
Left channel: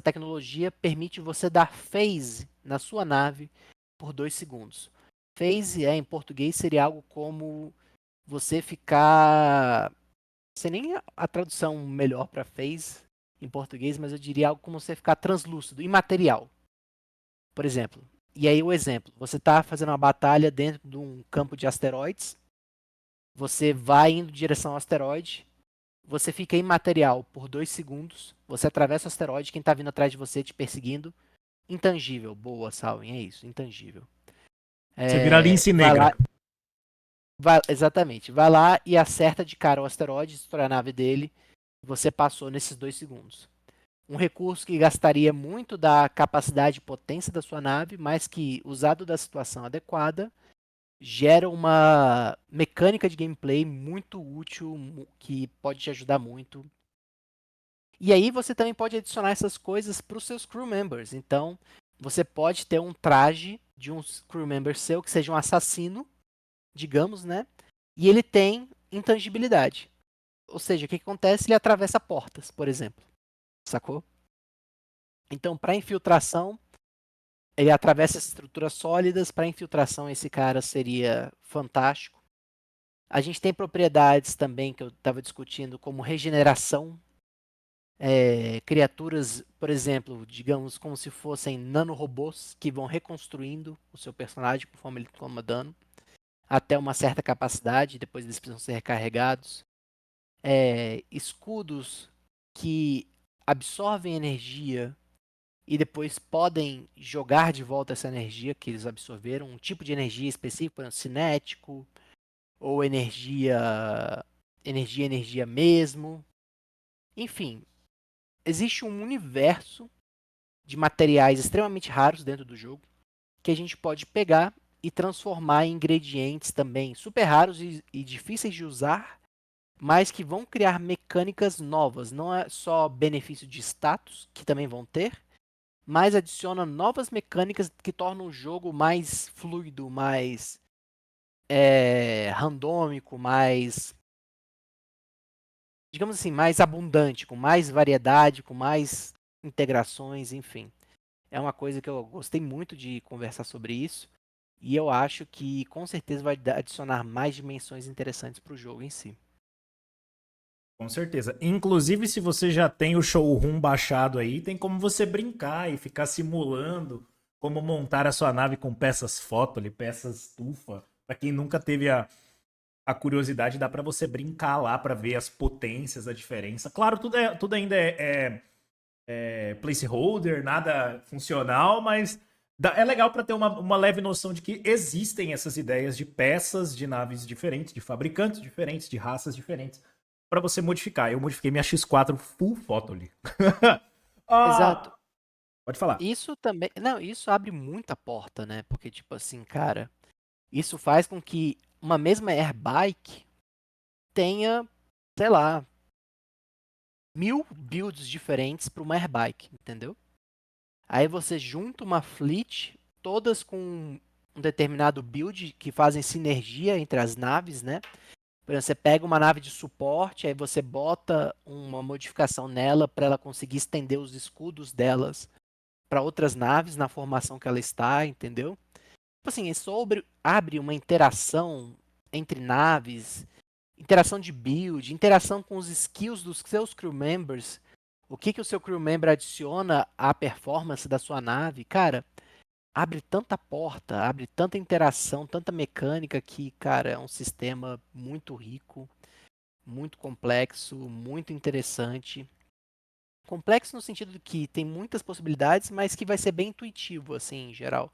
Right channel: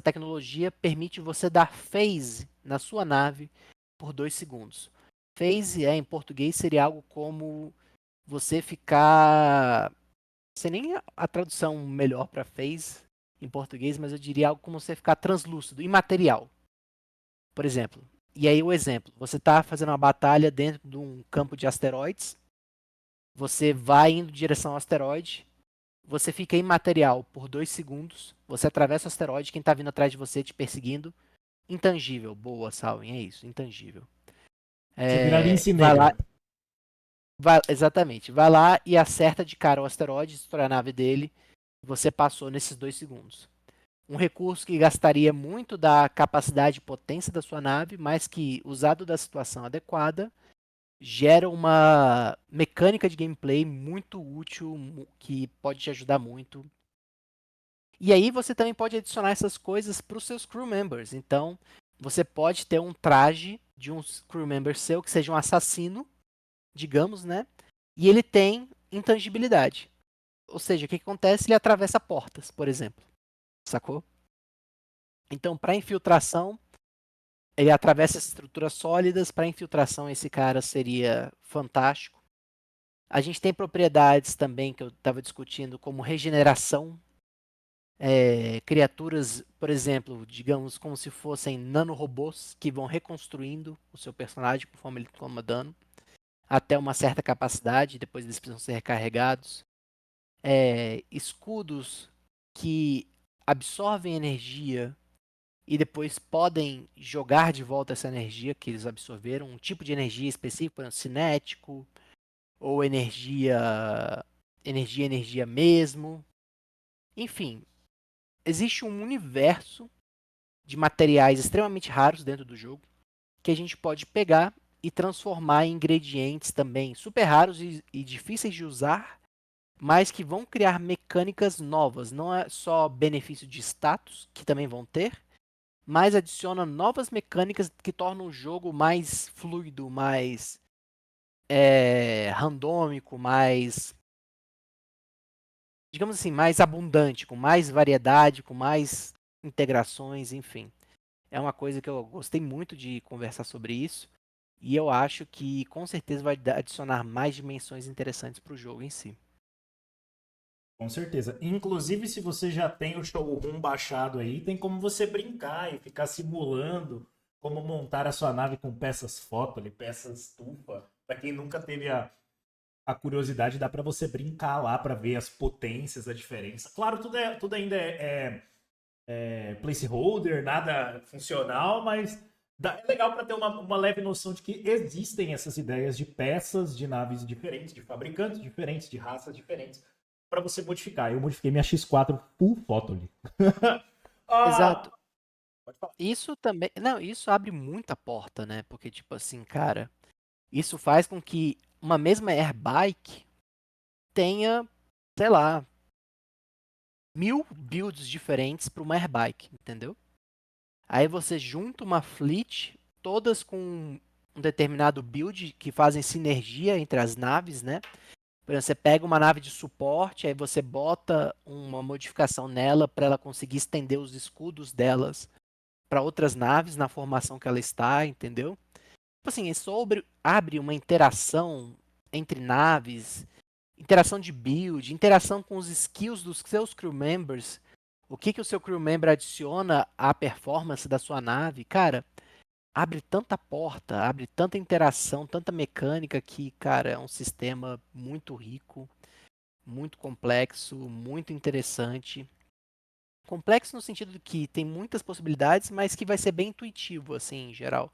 tecnologia permite você dar phase na sua nave por 2 segundos. Phase, em português, seria algo como você ficar. Não sei nem a tradução melhor para phase em português, mas eu diria algo como você ficar translúcido, imaterial, por exemplo. E aí o exemplo, você está fazendo uma batalha dentro de um campo de asteroides, você vai indo em direção ao asteroide, você fica imaterial por 2 segundos, você atravessa o asteroide, quem está vindo atrás de você te perseguindo, intangível. Boa, Salvin, é isso, intangível. Você vira lince Vai lá, negra. exatamente, vai lá e acerta de cara o asteroide, destrói a nave dele, você passou nesses 2 segundos. Um recurso que gastaria muito da capacidade e potência da sua nave, mas que, usado da situação adequada, gera uma mecânica de gameplay muito útil, que pode te ajudar muito. E aí você também pode adicionar essas coisas para os seus crew members. Então, você pode ter um traje de um crew member seu que seja um assassino, digamos, né? E ele tem intangibilidade. Ou seja, o que acontece? Ele atravessa portas, por exemplo. Sacou? Então, para infiltração, ele atravessa essas estruturas sólidas. Para infiltração, esse cara seria fantástico. A gente tem propriedades também que eu estava discutindo, como regeneração. Criaturas, por exemplo, digamos como se fossem nanorobôs que vão reconstruindo o seu personagem conforme ele toma dano, até uma certa capacidade, depois eles precisam ser recarregados. Escudos que absorvem energia e depois podem jogar de volta essa energia que eles absorveram, um tipo de energia específico, por exemplo, cinético, ou energia mesmo. Enfim, existe um universo de materiais extremamente raros dentro do jogo que a gente pode pegar e transformar em ingredientes também super raros e difíceis de usar, mas que vão criar mecânicas novas. Não é só benefício de status, que também vão ter, mas adiciona novas mecânicas que tornam o jogo mais fluido, mais randômico, mais, digamos assim, mais abundante, com mais variedade, com mais integrações, enfim. É uma coisa que eu gostei muito de conversar sobre isso. E eu acho que com certeza vai adicionar mais dimensões interessantes para o jogo em si. Com certeza. Inclusive, se você já tem o showroom baixado aí, tem como você brincar e ficar simulando como montar a sua nave com peças foto ali, peças estufa. Pra quem nunca teve a curiosidade, dá pra você brincar lá pra ver as potências, a diferença. Claro, tudo ainda é placeholder, nada funcional, mas é legal pra ter uma leve noção de que existem essas ideias de peças de naves diferentes, de fabricantes diferentes, de raças diferentes para você modificar. Eu modifiquei minha X4 full photo ali. Exato. Ah, pode falar. Isso também. Não, isso abre muita porta, né? Porque, tipo assim, cara, isso faz com que uma mesma airbike tenha, sei lá, 1000 builds diferentes para uma airbike, entendeu? Aí você junta uma fleet, todas com um determinado build que fazem sinergia entre as naves, né? Por exemplo, você pega uma nave de suporte, aí você bota uma modificação nela para ela conseguir estender os escudos delas para outras naves na formação que ela está, entendeu? Tipo assim, isso abre uma interação entre naves, interação de build, interação com os skills dos seus crew members, o que o seu crew member adiciona à performance da sua nave, cara, abre tanta porta, abre tanta interação, tanta mecânica que, cara, é um sistema muito rico, muito complexo, muito interessante. Complexo no sentido de que tem muitas possibilidades, mas que vai ser bem intuitivo, assim, em geral.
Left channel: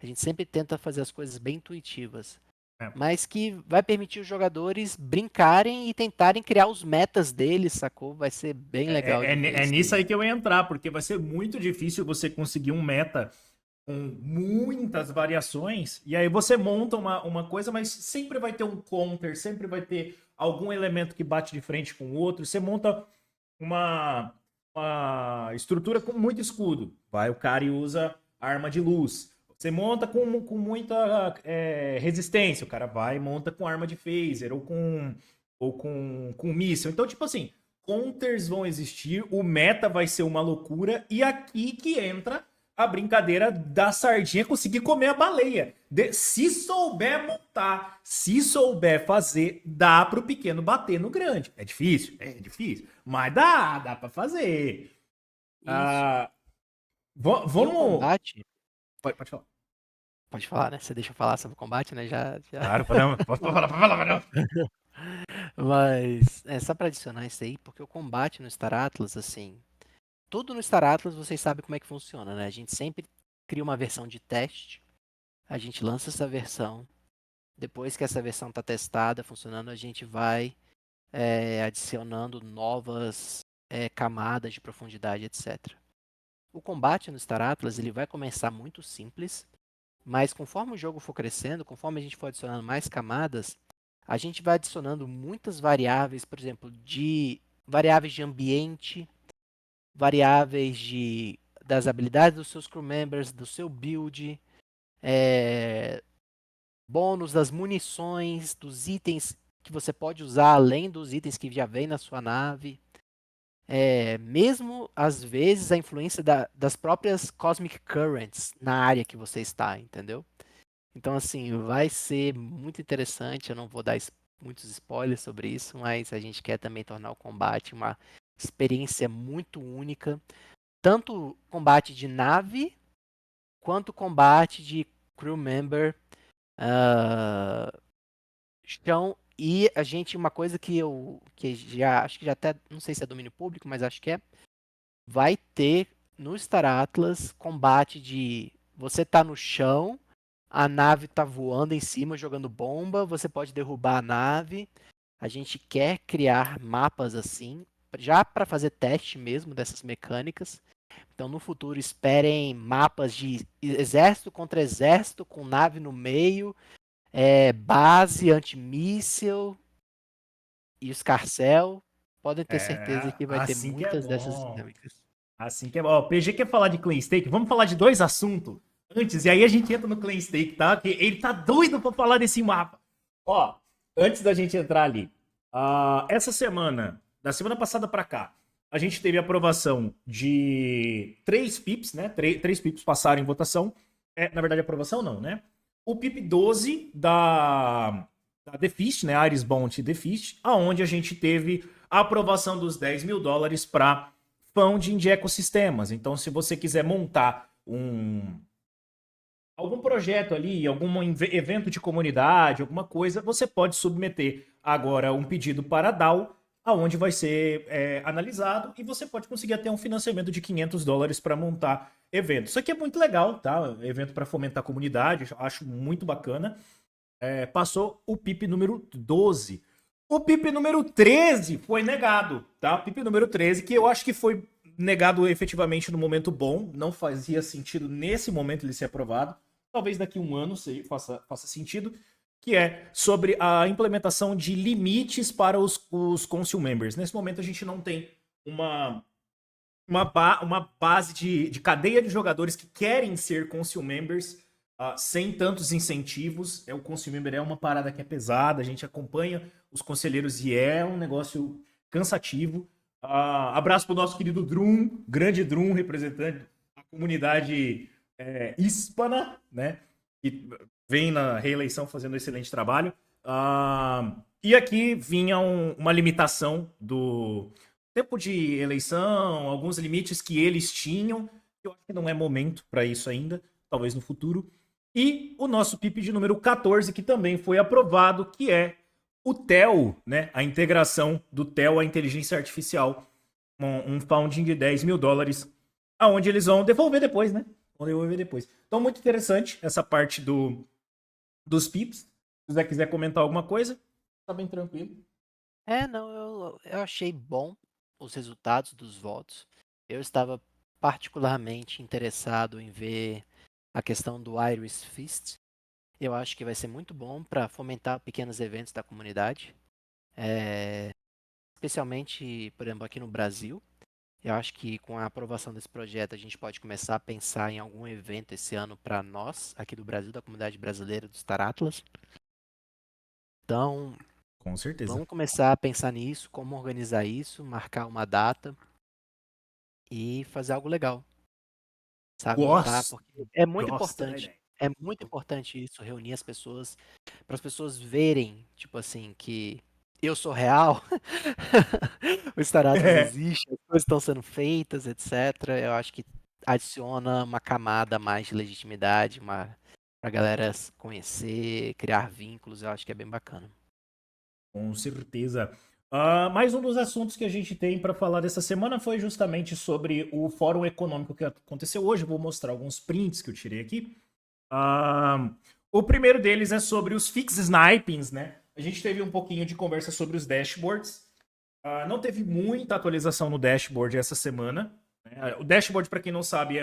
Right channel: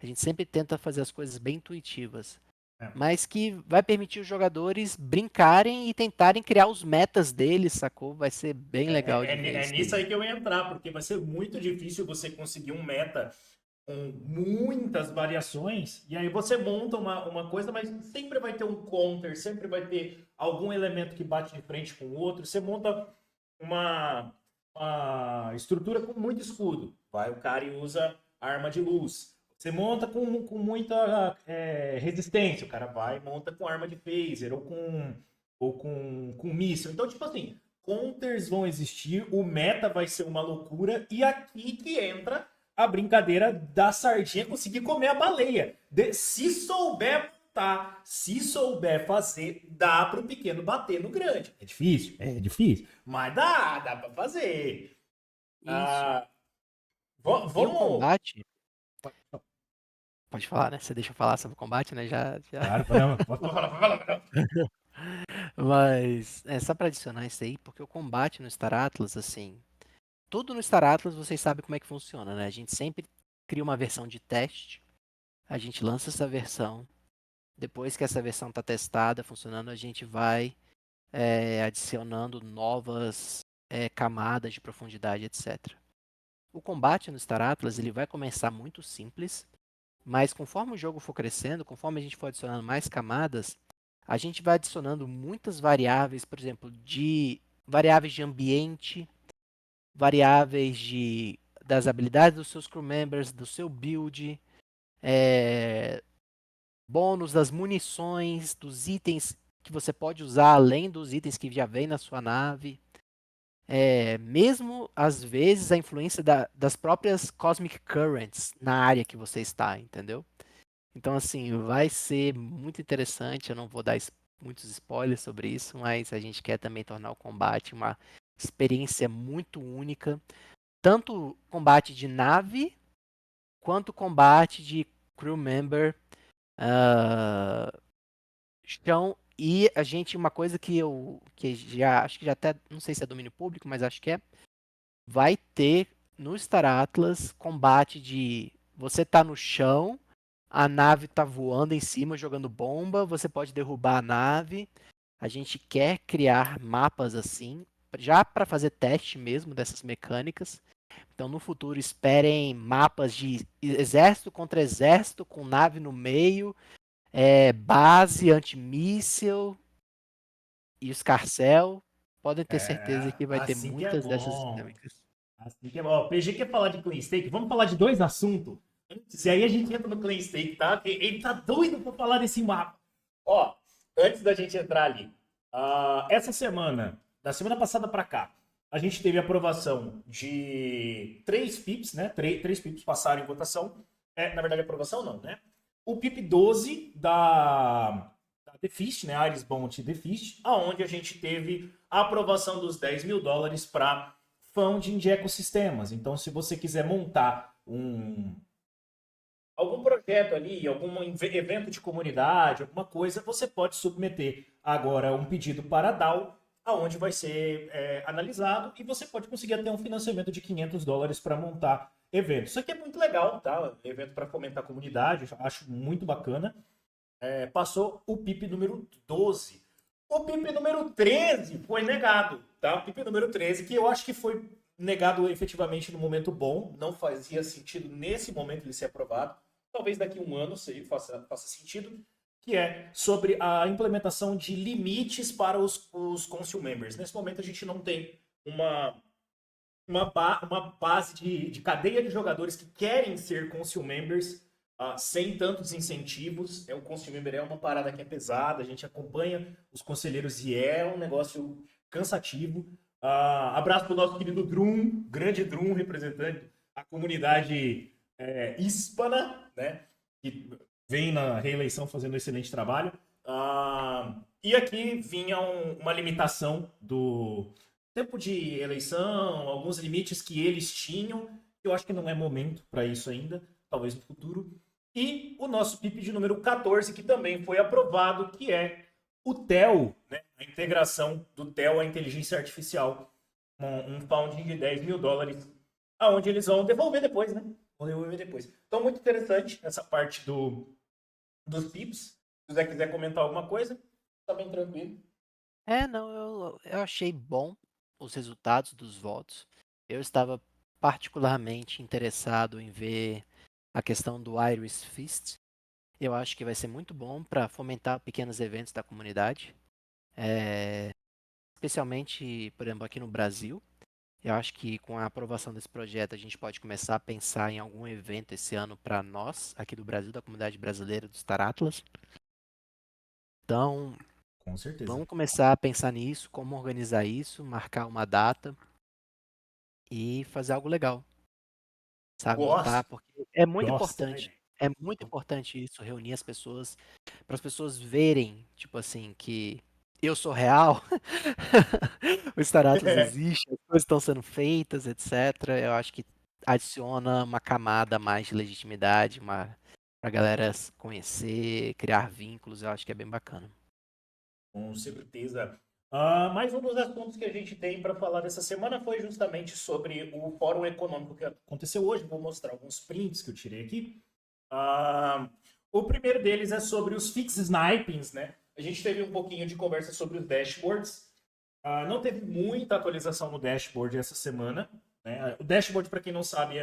A gente sempre tenta fazer as coisas bem intuitivas, É, mas que vai permitir os jogadores brincarem e tentarem criar os metas deles, sacou? Vai ser bem legal de ver é isso nisso aí. aí que eu ia entrar, porque vai ser muito difícil você conseguir um meta com muitas variações, e aí você monta uma coisa, mas sempre vai ter um counter, sempre vai ter algum elemento que bate de frente com o outro. Você monta uma, uma estrutura com muito escudo. Vai o cara e usa arma de luz. Você monta com muita resistência. O cara vai e monta com arma de phaser ou com míssil. Então, tipo assim, counters vão existir, o meta vai ser uma loucura, e aqui que entra a brincadeira da sardinha conseguir comer a baleia. Se souber montar, se souber fazer, dá pro pequeno bater no grande. É difícil? É difícil. Mas dá pra fazer. Isso. Ah, E o vamos. combate, Pode falar. pode falar, né? Você deixa eu falar sobre o combate, né? Já. Claro, não, pode falar, não. Mas é só para adicionar isso aí, porque o combate no Star Atlas, assim, tudo no Star Atlas vocês sabem como é que funciona, né? A gente sempre cria uma versão de teste, a gente lança essa versão, depois que essa versão está testada, funcionando, a gente vai adicionando novas camadas de profundidade, etc. O combate no Star Atlas ele vai começar muito simples, mas conforme o jogo for crescendo, conforme a gente for adicionando mais camadas, a gente vai adicionando muitas variáveis, por exemplo, de variáveis de ambiente, variáveis das habilidades dos seus crew members, do seu build, bônus das munições, dos itens que você pode usar além dos itens que já vem na sua nave. Mesmo às vezes a influência das próprias Cosmic Currents na área que você está, entendeu? Então, assim, vai ser muito interessante. Eu não vou dar muitos spoilers sobre isso, mas a gente quer também tornar o combate uma experiência muito única. Tanto combate de nave, quanto combate de crew member, ah, chão. E a gente, uma coisa que já, acho que já até, não sei se é domínio público, mas acho que vai ter no Star Atlas combate de você tá no chão, a nave tá voando em cima, jogando bomba, você pode derrubar a nave. A gente quer criar mapas assim, já para fazer teste mesmo dessas mecânicas. Então, no futuro, esperem mapas de exército contra exército, com nave no meio, base antimíssil e os Carcel. Podem ter certeza que vai ter Assim que é muitas dessas bom. dinâmicas. Assim que é bom. Ó, o PG quer falar de Clan Stake. Vamos falar de dois assuntos antes, e aí a gente entra no Clan Stake, tá? Que ele tá doido pra falar desse mapa. Ó, antes da gente entrar ali, essa semana, da semana passada pra cá, a gente teve a aprovação de 3 pips, né? Três pips passaram em votação. Na verdade, aprovação não, né? O pip 12 da The Fist, né? Iris Bounty The Fist, aonde a gente teve a aprovação dos $10.000 para funding de ecossistemas. Então, se você quiser montar algum projeto ali, algum evento de comunidade, alguma coisa, você pode submeter agora um pedido para a DAO, aonde vai ser analisado e você pode conseguir até um financiamento de $500 para montar evento. Isso aqui é muito legal, tá? Evento para fomentar a comunidade, acho muito bacana. Passou o PIP número 12. O PIP número 13 foi negado, tá? PIP número 13, que eu acho que foi negado efetivamente no momento bom, não fazia sentido nesse momento ele ser aprovado. Talvez daqui a um ano faça sentido, que é sobre a implementação de limites para os Council Members. Nesse momento a gente não tem uma base de cadeia de jogadores que querem ser Council Members sem tantos incentivos. O Council Member é uma parada que é pesada, a gente acompanha os conselheiros e é um negócio cansativo. Abraço para o nosso querido Drum, grande Drum, representante da comunidade hispana, né? Que vem na reeleição fazendo um excelente trabalho. E aqui vinha uma limitação do tempo de eleição, alguns limites que eles tinham. Eu acho que não é momento para isso ainda, talvez no futuro. E o nosso PIP de número 14, que também foi aprovado, que é o TEL, né? A integração do TEL à inteligência artificial. Um funding de $10.000, aonde eles vão devolver depois, né? Vão devolver depois. Então, muito interessante essa parte dos PIPs. Se você quiser comentar alguma coisa, tá bem tranquilo. Não, eu achei bom os resultados dos votos. Eu estava particularmente interessado em ver a questão do Iris Fist. Eu acho que vai ser muito bom para fomentar pequenos eventos da comunidade, especialmente, por exemplo, aqui no Brasil. Eu acho que com a aprovação desse projeto a gente pode começar a pensar em algum evento esse ano para nós, aqui do Brasil, da comunidade brasileira do Star Atlas. Então, Com certeza. vamos começar a pensar nisso, como organizar isso, marcar uma data e fazer algo legal, sabe? Montar, Gosto. porque é muito Gosto da importante. ideia. É muito importante isso, reunir as pessoas, para as pessoas verem, tipo assim, que eu sou real, o Star Atlas existe, as coisas estão sendo feitas, etc. Eu acho que adiciona uma camada a mais de legitimidade, pra galera se conhecer, criar vínculos, eu acho que é bem bacana. Com certeza. Mais um dos assuntos que a gente tem para falar dessa semana foi justamente sobre o Fórum Econômico que aconteceu hoje. Vou mostrar alguns prints que eu tirei aqui. O primeiro deles é sobre os fix snipings, né? A gente teve um pouquinho de conversa sobre os dashboards. Não teve muita atualização no dashboard essa semana, né? O dashboard, para quem não sabe,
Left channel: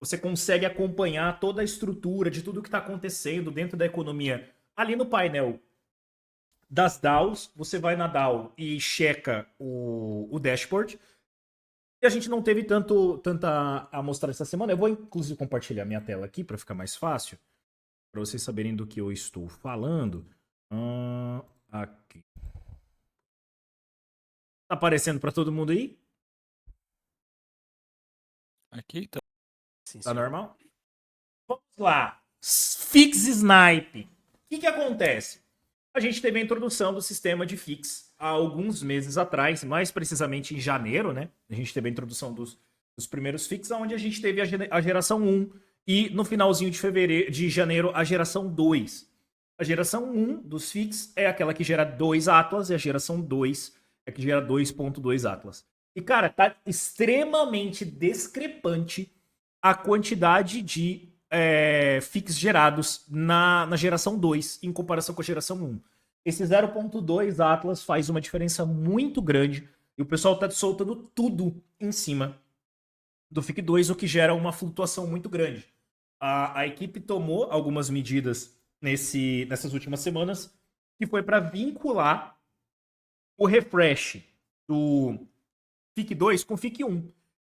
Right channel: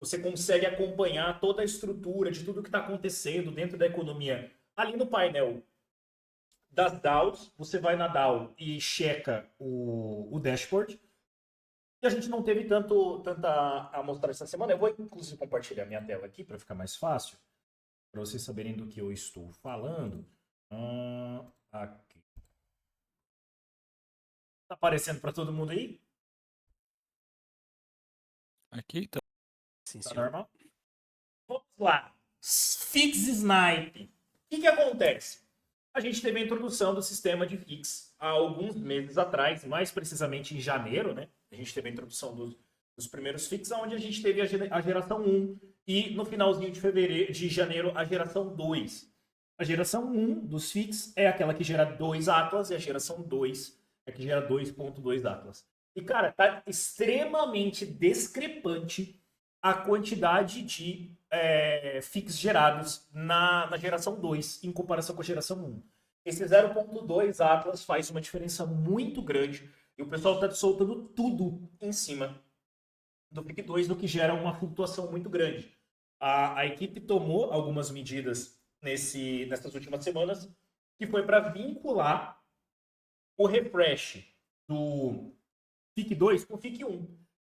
você consegue acompanhar toda a estrutura de tudo que está acontecendo dentro da economia ali no painel das DAOs. Você vai na DAO e checa o dashboard. E a gente não teve tanta amostra essa semana. Eu vou, inclusive, compartilhar minha tela aqui para ficar mais fácil, para vocês saberem do que eu estou falando. Aqui. Tá aparecendo para todo mundo aí? Aqui tá. Sim, Tá senhor. normal? Vamos lá. Fix Snipe. O que acontece? A gente teve a introdução do sistema de fix há alguns meses atrás, mais precisamente em janeiro, né? A gente teve a introdução dos primeiros fix, onde a gente teve a geração 1 e no finalzinho de janeiro a geração 2. A geração 1 dos fix é aquela que gera 2 Atlas e a geração 2 é a que gera 2.2 Atlas. E, cara, tá extremamente discrepante a quantidade de fix gerados na geração 2 em comparação com a geração 1. Esse 0.2 Atlas faz uma diferença muito grande e o pessoal tá soltando tudo em cima do FIC 2, o que gera uma flutuação muito grande. A equipe tomou algumas medidas nessas últimas semanas, que foi para vincular o refresh do FIC 2 com o FIC 1.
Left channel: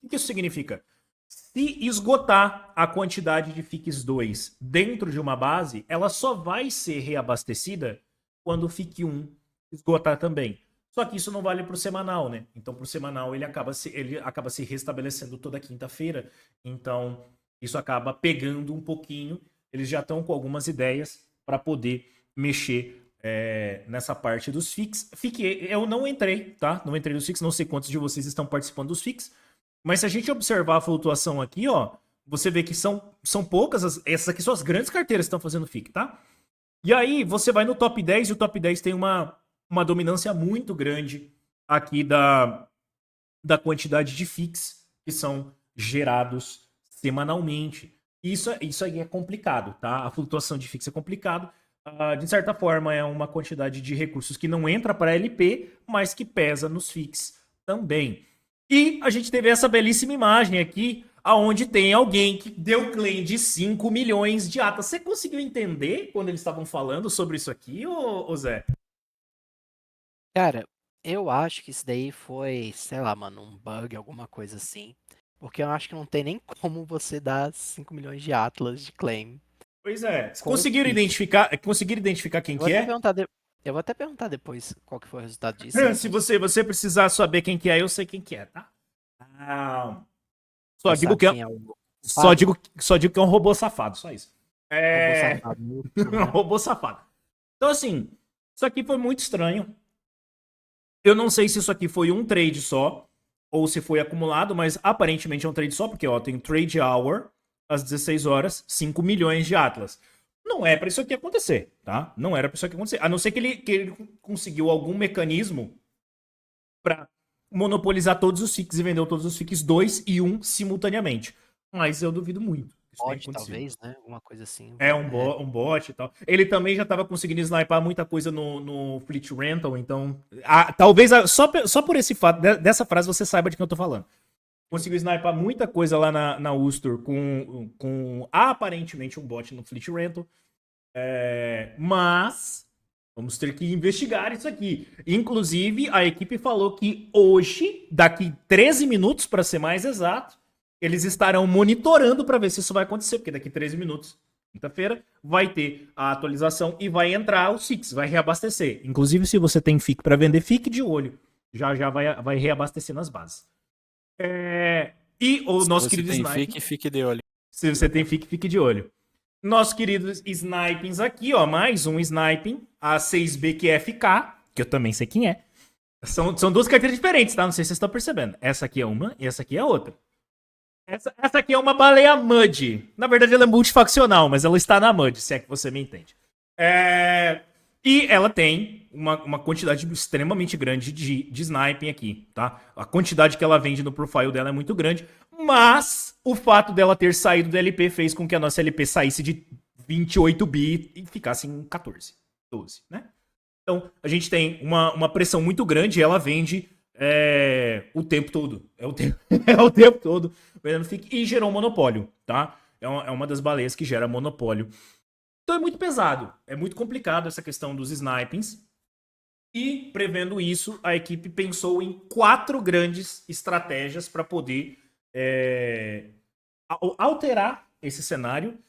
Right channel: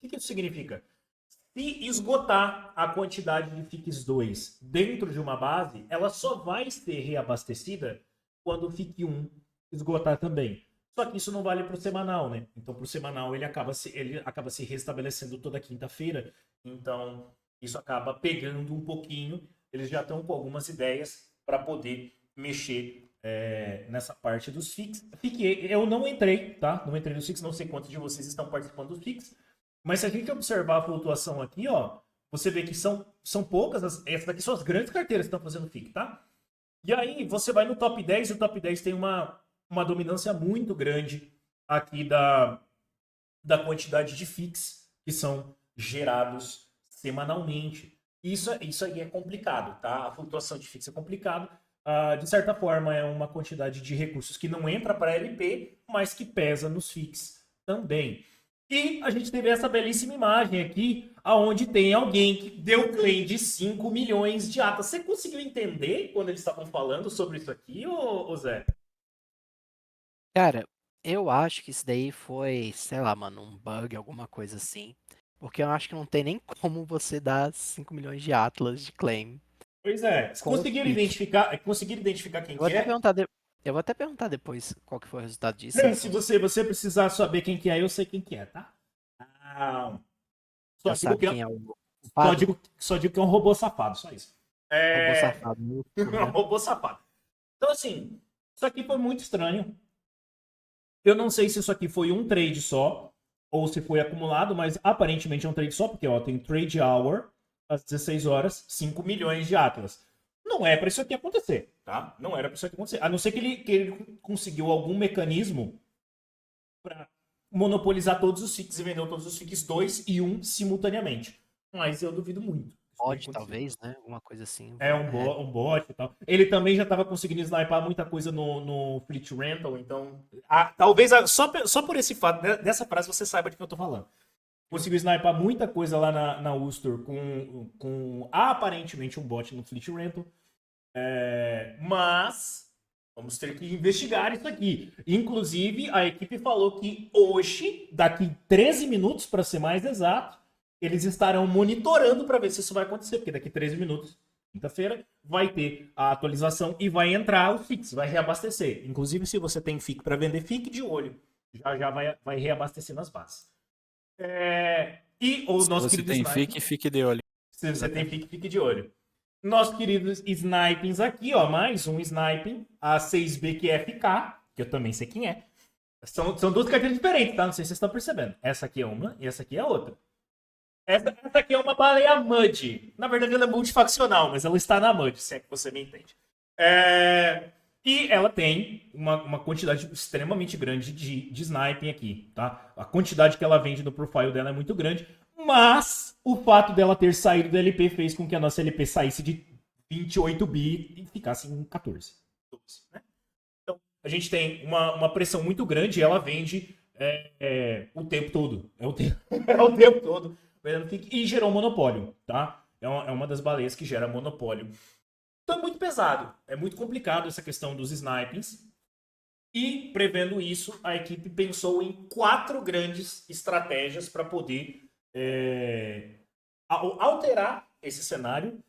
O que isso significa? Se esgotar a quantidade de FICs 2 dentro de uma base, ela só vai ser reabastecida quando o FIC 1 esgotar também. Só que isso não vale para o semanal, né? Então, para o semanal, ele acaba se restabelecendo toda quinta-feira. Então, isso acaba pegando um pouquinho. Eles já estão com algumas ideias para poder mexer nessa parte dos FICs. Eu não entrei, tá? Não entrei nos FICs, não sei quantos de vocês estão participando dos FICs. Mas se a gente observar a flutuação aqui, ó, você vê que são poucas, essas aqui são as grandes carteiras que estão fazendo FIC, tá? E aí você vai no top 10 e o top 10 tem uma dominância muito grande aqui da quantidade de FICs que são gerados semanalmente. Isso aí é complicado, tá? A flutuação de FICs é complicado. De certa forma, é uma quantidade de recursos que não entra para LP, mas que pesa nos FICs também. E a gente teve essa belíssima imagem aqui, aonde tem alguém que deu claim de 5 milhões de atas. Você conseguiu entender quando eles estavam falando sobre isso aqui, ô Zé? Cara, eu acho que isso daí foi, sei lá, mano, um bug, alguma coisa assim. Porque eu acho que não tem nem como você dar 5 milhões de Atlas de claim Pois é. com o FIC. Conseguiram identificar quem Eu vou que até é? perguntar, eu vou até perguntar depois qual que foi o resultado disso. Se Se você precisar saber quem que é, eu sei quem que é, tá? Só já digo sabe que quem é o só culpado, digo que é um robô safado, só isso. robô É, safado no YouTube, um né? robô safado. Então assim, isso aqui foi muito estranho. Eu não sei se isso aqui foi um trade só ou se foi acumulado, mas aparentemente é um trade só, porque ó, tem trade hour às 16 horas, 5 milhões de Atlas. Não é para isso aqui acontecer, tá? Não era para isso aqui acontecer. A não ser que ele conseguiu algum mecanismo para monopolizar todos os FICs e vendeu todos os FICs 2 e 1 simultaneamente. Mas eu duvido muito. Isso tenha Mod, acontecido. talvez, né? Alguma coisa assim. É um bot e tal. Ele também já estava conseguindo sniper muita coisa no Fleet Rental, então. Talvez só por esse fato, dessa frase, você saiba de quem eu tô falando. Conseguiu sniper muita coisa lá na Ustor com aparentemente um bot no Fleet Rental. Mas vamos ter que investigar isso aqui. Inclusive, a equipe falou que hoje, daqui 13 minutos, para ser mais exato, eles estarão monitorando para ver se isso vai acontecer, porque daqui 13 minutos, quinta-feira, vai ter a atualização e vai entrar os FICs, vai reabastecer. Inclusive, se você tem FIC para vender, fique de olho. Já vai reabastecer nas bases. E o Se nosso você querido tem Sniper, fique de olho. se você tem FIC, fique de olho. Nosso querido Snipings aqui, ó, mais um Sniping, a 6B que é FK, que eu também sei quem é. São duas carteiras diferentes, tá? Não sei se vocês estão percebendo. Essa aqui é uma e essa aqui é outra. Essa aqui é uma baleia Mud. Na verdade, ela é multifaccional, mas ela está na Mud, se é que você me entende. E ela tem uma quantidade extremamente grande de sniping aqui, tá? A quantidade que ela vende no profile dela é muito grande, mas o fato dela ter saído da LP fez com que a nossa LP saísse de 28 bi e ficasse em 14, 12, né? Então, a gente tem uma pressão muito grande e ela vende o tempo todo. É o tempo todo. E gerou monopólio, tá? É uma das baleias que gera monopólio. Então é muito pesado. É muito complicado essa questão dos snipings. E, prevendo isso, a equipe pensou em 4 grandes estratégias para poder alterar esse cenário.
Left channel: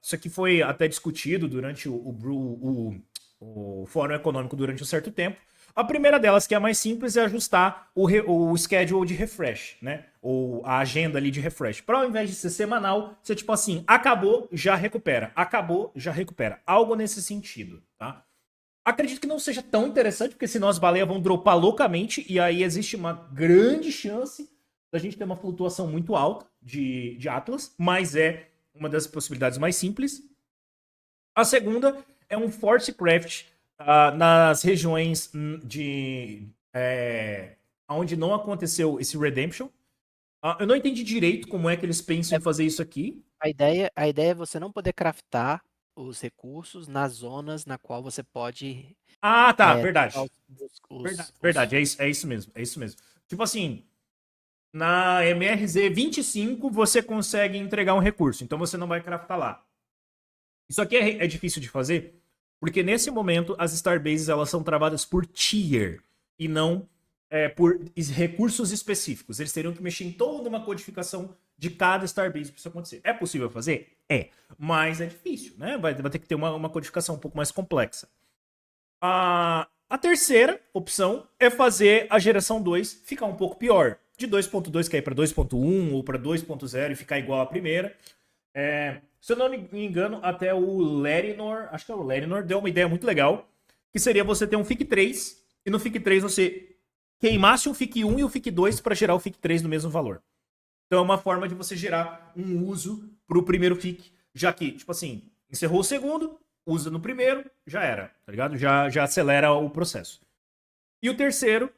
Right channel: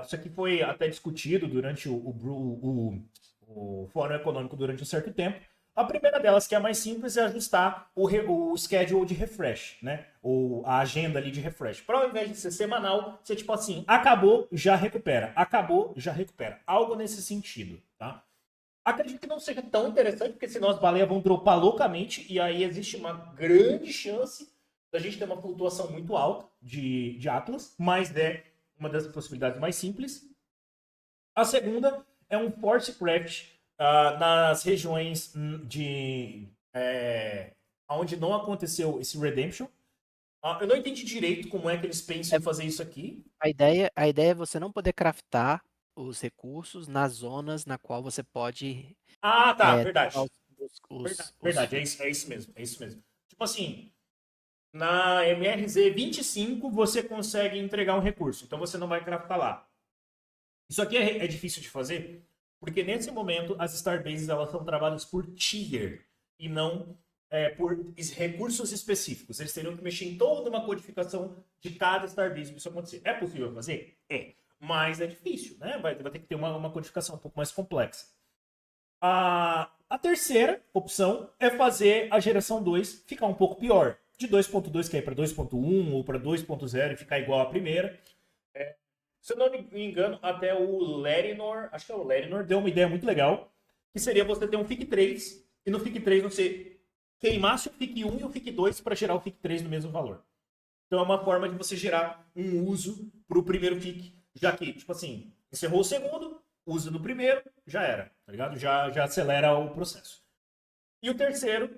Isso aqui foi até discutido durante o Fórum Econômico durante um certo tempo. A primeira delas, que é a mais simples, é ajustar o schedule de refresh, né? Ou a agenda ali de refresh. Para ao invés de ser semanal, ser tipo assim, acabou, já recupera. Acabou, já recupera. Algo nesse sentido, tá? Acredito que não seja tão interessante, porque senão as baleias vão dropar loucamente e aí existe uma grande chance da gente ter uma flutuação muito alta de Atlas, mas é uma das possibilidades mais simples. A segunda é um Force Craft nas regiões onde não aconteceu esse Redemption. Eu não entendi direito como é que eles pensam em fazer isso aqui. A ideia é você não poder craftar os recursos nas zonas na qual você pode Tá, dropar verdade. Verdade, é isso mesmo, é isso mesmo. Tipo assim, na MRZ 25 você consegue entregar um recurso, então você não vai craftar lá. Isso aqui é difícil de fazer, porque nesse momento as Starbases elas são travadas por tier e não por recursos específicos. Eles teriam que mexer em toda uma codificação de cada Starbase para isso acontecer. É possível fazer? É, mas é difícil, né? Vai ter que ter uma codificação um pouco mais complexa. A terceira opção é fazer a geração 2 ficar um pouco pior. De 2.2 cair para 2.1 ou para 2.0 e ficar igual à primeira. Se eu não me engano, até o Lerinor, acho que é o Lerinor, deu uma ideia muito legal, que seria você ter um FIC 3 e no FIC 3 você queimasse um FIC 1 e o FIC 2 para gerar o FIC 3 no mesmo valor. Então é uma forma de você gerar um uso para o primeiro FIC, já que, tipo assim, encerrou o segundo, usa no primeiro, já era, tá ligado? Já acelera o processo. E o terceiro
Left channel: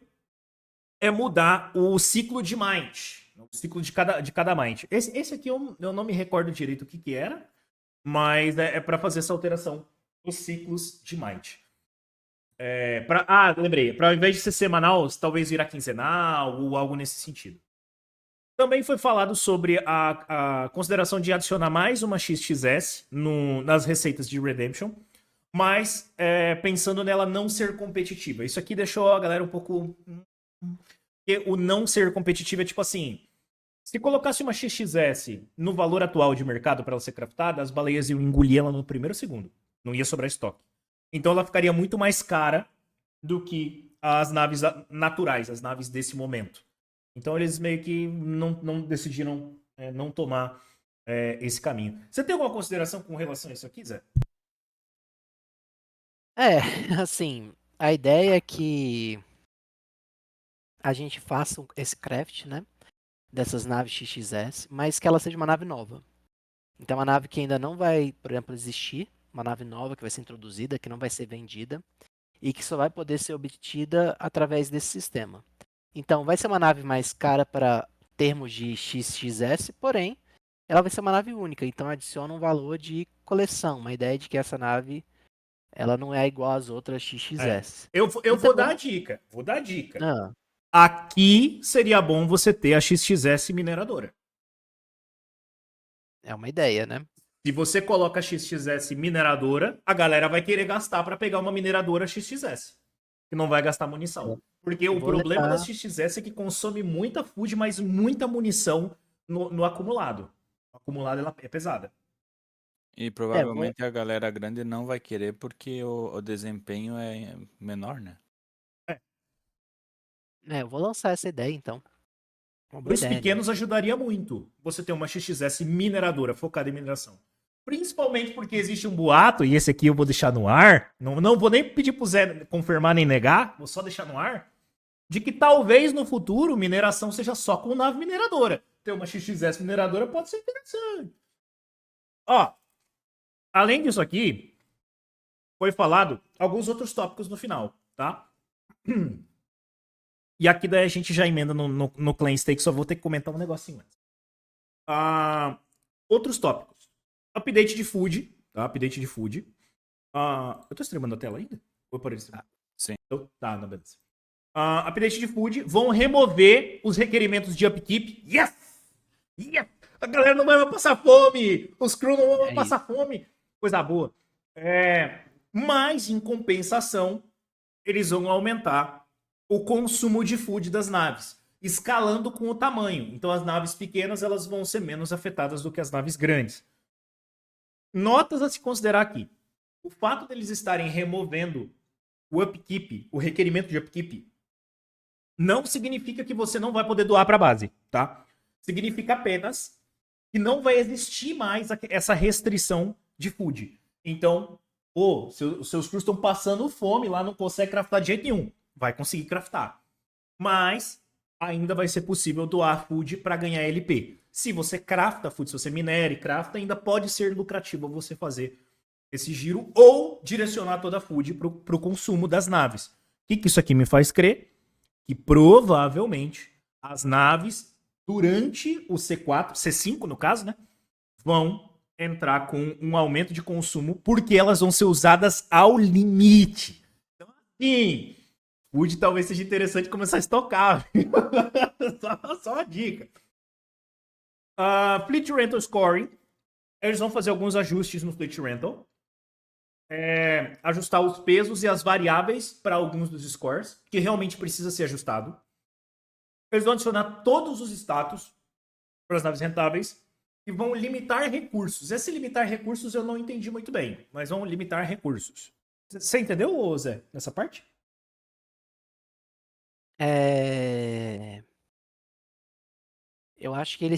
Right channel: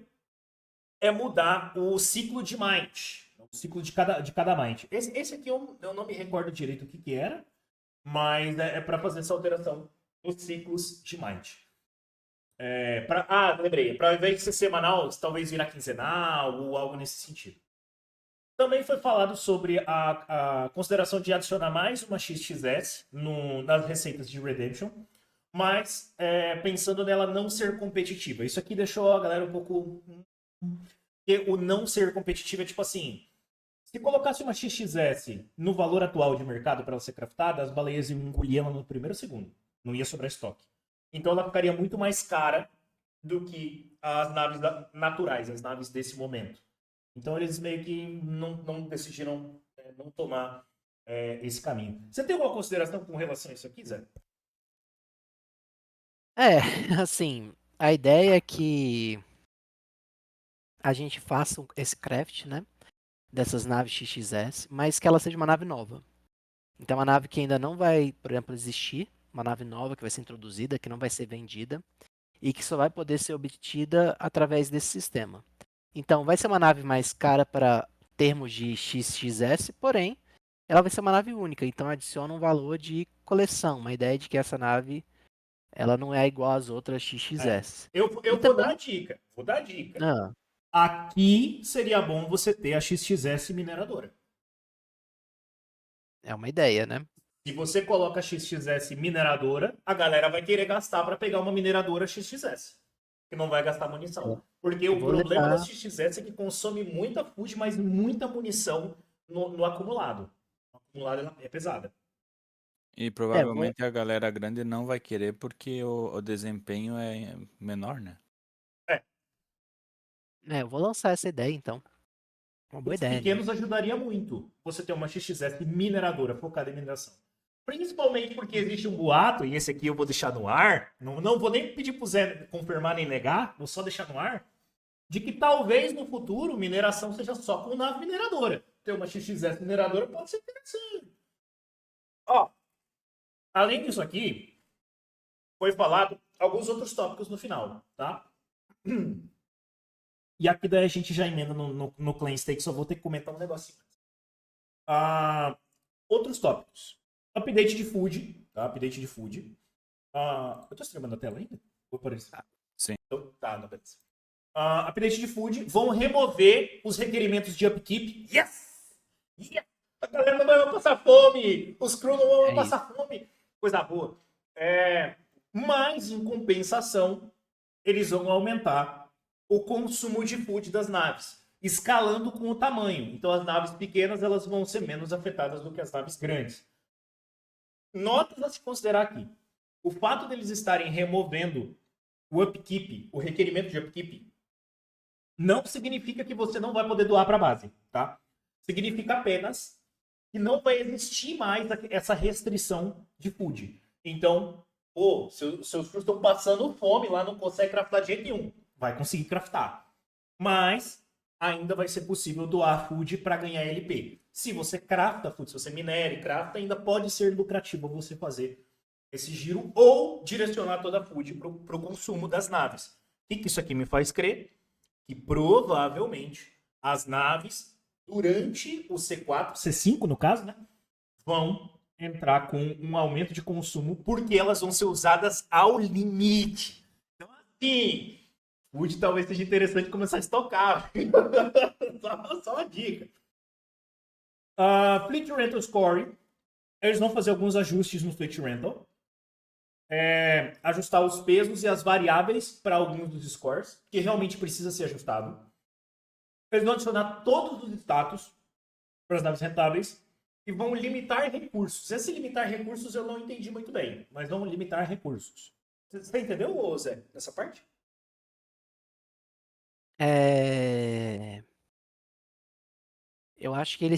é mudar o ciclo de Might. O ciclo de cada Might. Esse aqui eu não me recordo direito o que era, mas é para fazer essa alteração dos ciclos de Might. Lembrei. Para ao invés de ser semanal, talvez virar quinzenal ou algo nesse sentido. Também foi falado sobre a consideração de adicionar mais uma XXS nas receitas de Redemption, mas pensando nela não ser competitiva. Isso aqui deixou a galera um pouco... O não ser competitivo é tipo assim... Se colocasse uma XXS no valor atual de mercado para ela ser craftada, as baleias iam engolir ela no primeiro segundo. Não ia sobrar estoque. Então ela ficaria muito mais cara do que as naves naturais, as naves desse momento. Então eles meio que não decidiram não tomar esse caminho. Você tem alguma consideração com relação a isso aqui, Zé? Assim, a ideia é que a gente faça esse craft, né? Dessas naves XXS, mas que ela seja uma nave nova. Então, uma nave que ainda não vai, por exemplo, existir, uma nave nova que vai ser introduzida, que não vai ser vendida, e que só vai poder ser obtida através desse sistema. Então, vai ser uma nave mais cara para termos de XXS, porém, ela vai ser uma nave única, então adiciona um valor de coleção, uma ideia de que essa nave ela não é igual às outras XXS. Eu E vou dar também, a dica. Vou dar a dica. ah, Aqui seria bom você ter a XXS mineradora. é uma ideia, né? Se você coloca a XXS mineradora, a galera vai querer gastar para pegar uma mineradora XXS. Que não vai gastar munição. Porque Eu o vou problema da levar. XXS é que consome muita food, mas muita munição no acumulado. O acumulado ela é pesada. E É, vou, provavelmente a galera grande não vai querer porque o desempenho é menor, né? É. eu vou lançar essa ideia então. Uma boa Os ideia, né? pequenos ajudaria muito você ter uma XXS mineradora focada em mineração. Principalmente porque existe um boato, e esse aqui eu vou deixar no ar, não vou nem pedir pro Zé confirmar nem negar, vou só deixar no ar, de que talvez no futuro mineração seja só com nave mineradora. Ter uma XXS mineradora pode ser interessante. Ó, além disso aqui, foi falado alguns outros tópicos no final, tá? E aqui daí a gente já emenda no Clan Stake, só vou ter que comentar um negocinho antes. Outros tópicos. Update de food, tá? Update de food. Eu tô streamando a tela ainda? Vou por isso. Sim. Tá, não, beleza. Update de food. Vão remover os requerimentos de upkeep. Yes! Yes! A galera não vai mais passar fome! Os crew não vão passar fome! Coisa boa. Mas, em compensação, eles vão aumentar o consumo de food das naves, escalando com o tamanho. Então as naves pequenas elas vão ser menos afetadas do que as naves grandes. Notas a se considerar aqui. O fato deles estarem removendo o upkeep, o requerimento de upkeep, não significa que você não vai poder doar para a base, tá? Significa apenas que não vai existir mais essa restrição de food. Então, seus crews estão passando fome lá, não consegue craftar de jeito nenhum. Vai conseguir craftar. Mas ainda vai ser possível doar food para ganhar LP. Se você crafta food, se você minera e crafta, ainda pode ser lucrativo você fazer esse giro ou direcionar toda a food para o consumo das naves. O que isso aqui me faz crer? Que provavelmente as naves, durante o C4, C5 no caso, né, vão entrar com um aumento de consumo porque elas vão ser usadas ao limite. Então, assim, food talvez seja interessante começar a estocar. só uma dica. Fleet Rental Scoring. Eles vão fazer alguns ajustes no Fleet Rental. Ajustar os pesos e as variáveis para alguns dos scores, que realmente precisa ser ajustado. Eles vão adicionar todos os status para as naves rentáveis e vão limitar recursos. Esse limitar recursos eu não entendi muito bem, mas vão limitar recursos. Você entendeu, Zé, nessa parte? Eu acho que ele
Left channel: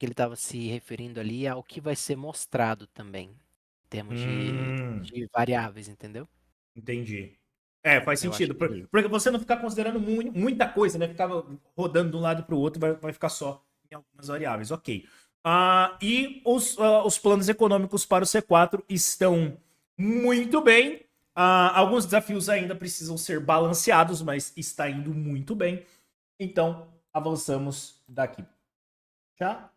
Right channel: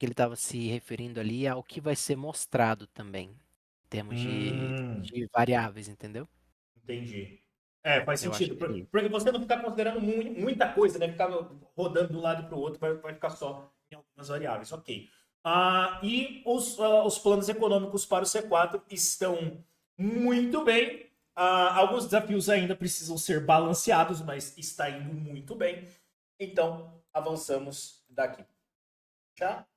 estava se referindo ali ao que vai ser mostrado também, em termos de variáveis, entendeu? Entendi. Faz Eu acho sentido. que é isso. Porque você não ficar considerando muita coisa, né? Ficar rodando de um lado para o outro, vai ficar só em algumas variáveis. Ok. E os planos econômicos para o C4 estão muito bem. Alguns desafios ainda precisam ser balanceados, mas está indo muito bem. Então, avançamos daqui. Já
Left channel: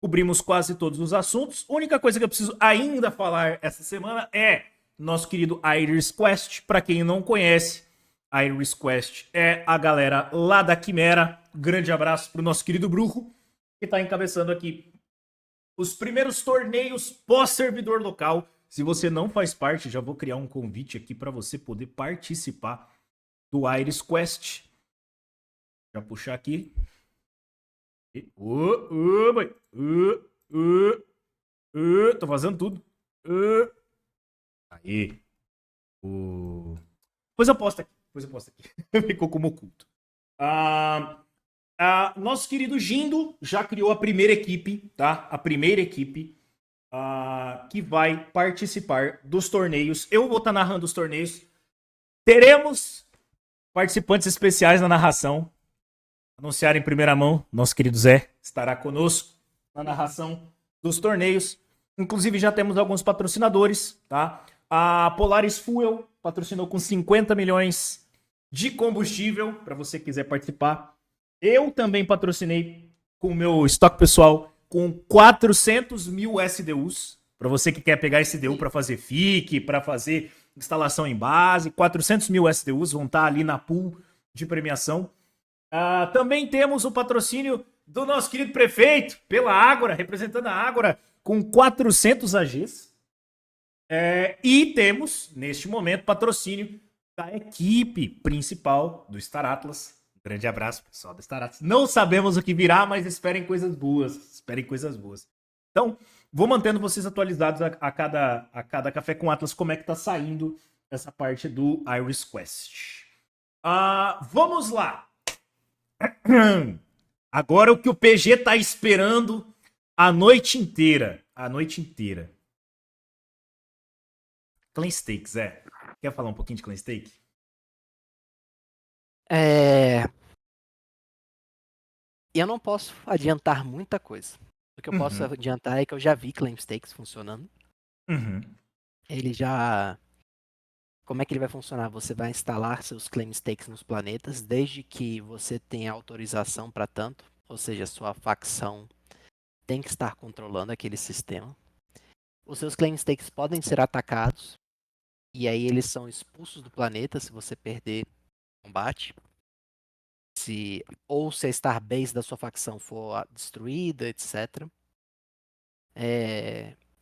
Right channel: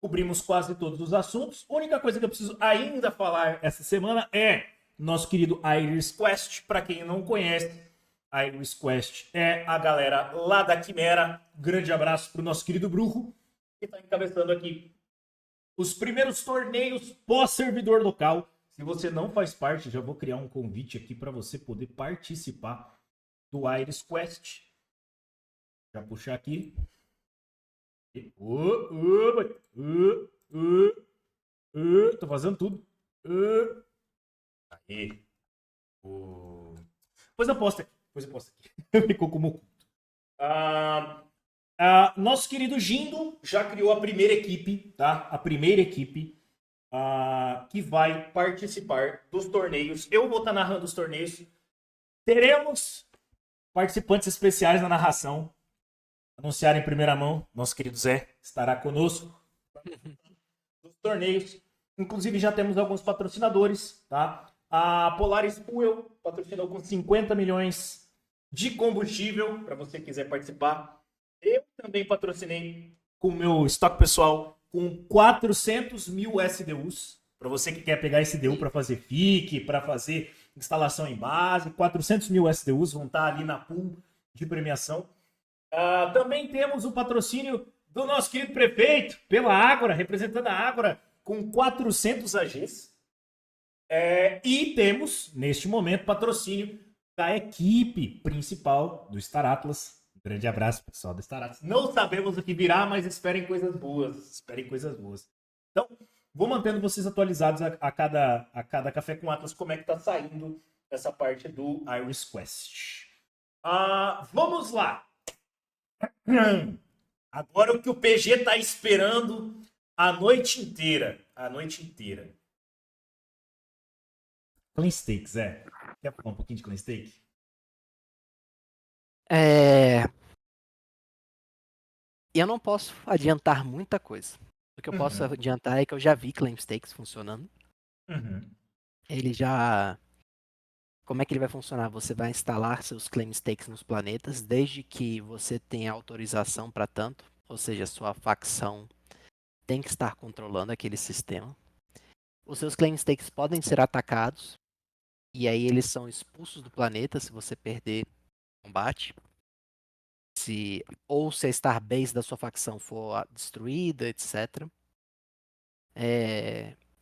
cobrimos quase todos os assuntos. A única coisa que eu preciso ainda falar essa semana é nosso querido Iris Quest. Para quem não conhece, Iris Quest é a galera lá da Quimera. Grande abraço para o nosso querido Brujo, que está encabeçando aqui os primeiros torneios pós-servidor local. Se você não faz parte, já vou criar um convite aqui para você poder participar do Iris Quest. Já puxar aqui. Tô fazendo tudo. Aí. Pois eu posto aqui. Ficou como oculto. Nosso querido Gindo já criou a primeira equipe, tá? A primeira equipe que vai participar dos torneios. Eu vou estar narrando os torneios. Teremos participantes especiais na narração. Anunciar em primeira mão, nosso querido Zé estará conosco na narração dos torneios. Inclusive já temos alguns patrocinadores, tá? A Polaris Fuel patrocinou com 50 milhões de combustível, para você que quiser participar. Eu também patrocinei com o meu estoque pessoal com 400 mil SDUs, para você que quer pegar SDU para fazer FIC, para fazer instalação em base. 400 mil SDUs vão estar ali na pool de premiação. Também temos o patrocínio do nosso querido prefeito, pela Ágora, representando a Ágora, com 400 AGs. E temos, neste momento, patrocínio da equipe principal do Star Atlas. Um grande abraço, pessoal do Star Atlas. Não sabemos o que virá, mas esperem coisas boas. Então, vou mantendo vocês atualizados a cada Café com Atlas, como é que tá saindo essa parte do Iris Quest. Vamos lá. Agora o que o PG tá esperando a noite inteira. Clan Stake, Zé. Quer falar um pouquinho de Clan Stake? Eu não posso adiantar muita coisa. O que eu posso adiantar é que eu já vi Claim Stakes funcionando. Ele já... Como é que ele vai funcionar? Você vai instalar seus Claim Stakes nos planetas, desde que você tenha autorização para tanto, ou seja, sua facção tem que estar controlando aquele sistema. Os seus Claim Stakes podem ser atacados, e aí eles são expulsos do planeta se você perder o combate. Ou se a Starbase da sua facção for destruída, etc.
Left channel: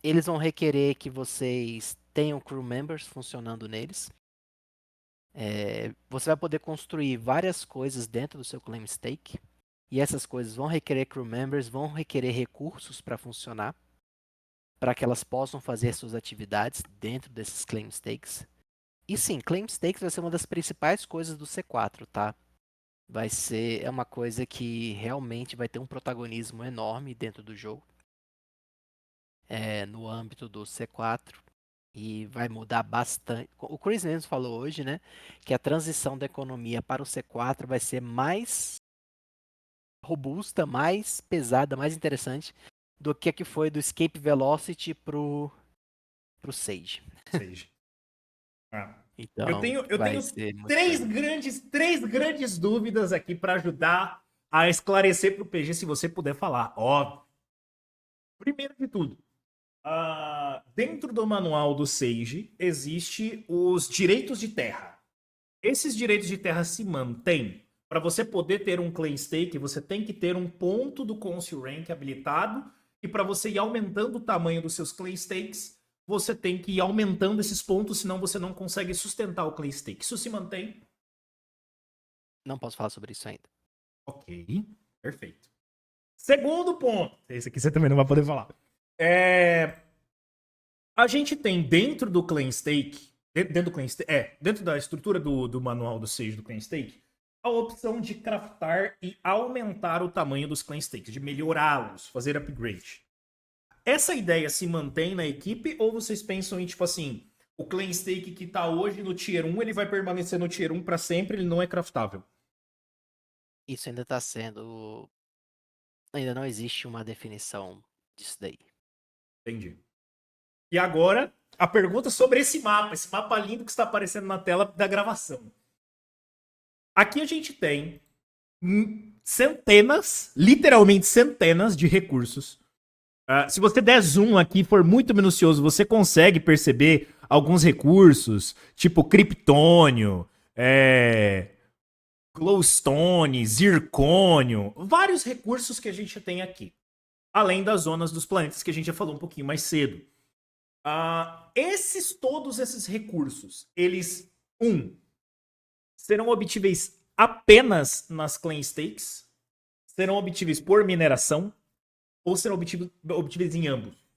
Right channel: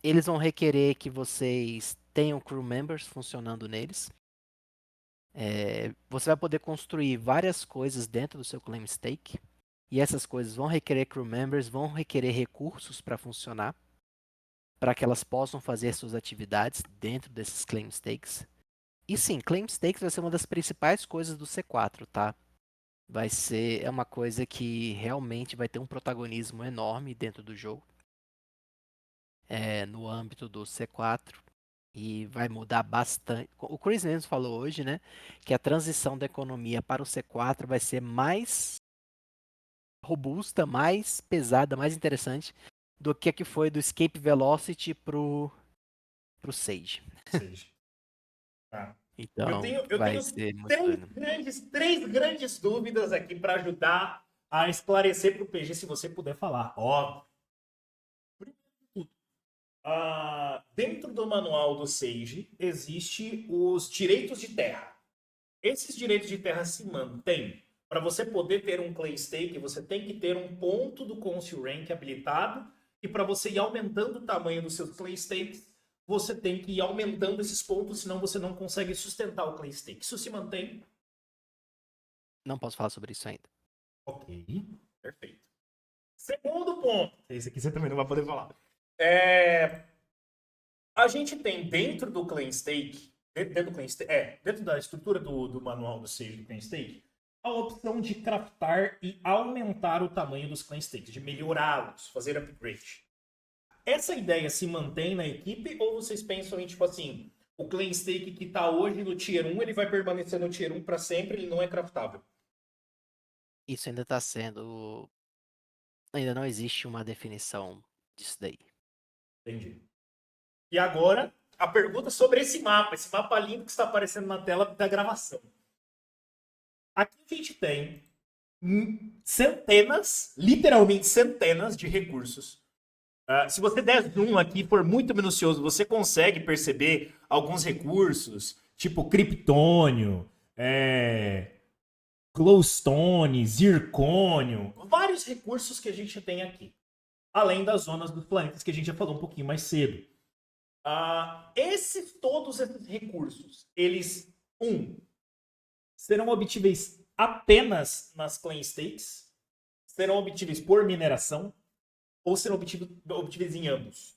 Eles vão requerer que vocês tenham crew members funcionando neles. Você vai poder construir várias coisas dentro do seu claim stake. E essas coisas vão requerer crew members, vão requerer recursos para funcionar, para que elas possam fazer suas atividades dentro desses claim stakes. E sim, claim stakes vai ser uma das principais coisas do C4, tá? É uma coisa que realmente vai ter um protagonismo enorme dentro do jogo, no âmbito do C4. E vai mudar bastante. O Chris mesmo falou hoje, né, que a transição da economia para o C4 vai ser mais robusta, mais pesada, mais interessante do que a que foi do Escape Velocity pro Sage. Sage. Ah. Então, Eu vai tenho ser muito três legal. grandes dúvidas aqui para ajudar a esclarecer para o PG, se você puder falar. Ó, primeiro de tudo, dentro do manual do Sage existe os direitos de terra. Esses direitos de terra se mantêm. Para você poder ter um claim stake, você tem que ter um ponto do Council Rank habilitado. E para você ir aumentando o tamanho dos seus claim stakes, você tem que ir aumentando esses pontos, senão você não consegue sustentar o claim stake. Isso se mantém? Não posso falar sobre isso ainda. Ok, perfeito. Segundo ponto, esse aqui você também não vai poder falar. A gente tem dentro do claim stake, dentro da estrutura do manual do Sage do claim stake, a opção de craftar e aumentar o tamanho dos claim stakes, de melhorá-los, fazer upgrade. Essa ideia se mantém na equipe ou vocês pensam em, tipo assim, o claim stake que tá hoje no Tier 1, ele vai permanecer no Tier 1 para sempre, ele não é craftável? Isso ainda está sendo. Ainda não existe uma definição disso daí. Entendi. E agora, a pergunta sobre esse mapa lindo que está aparecendo na tela da gravação. Aqui a gente tem centenas, literalmente centenas de recursos. Se você der zoom aqui e for muito minucioso, você consegue perceber alguns recursos, tipo Kryptônio, Glowstone, Zircônio, vários recursos que a gente tem aqui. Além das zonas dos planetas que a gente já falou um pouquinho mais cedo. Todos esses recursos, eles, serão obtíveis apenas nas claim stakes, serão obtíveis por mineração, ou serão obtíveis em ambos?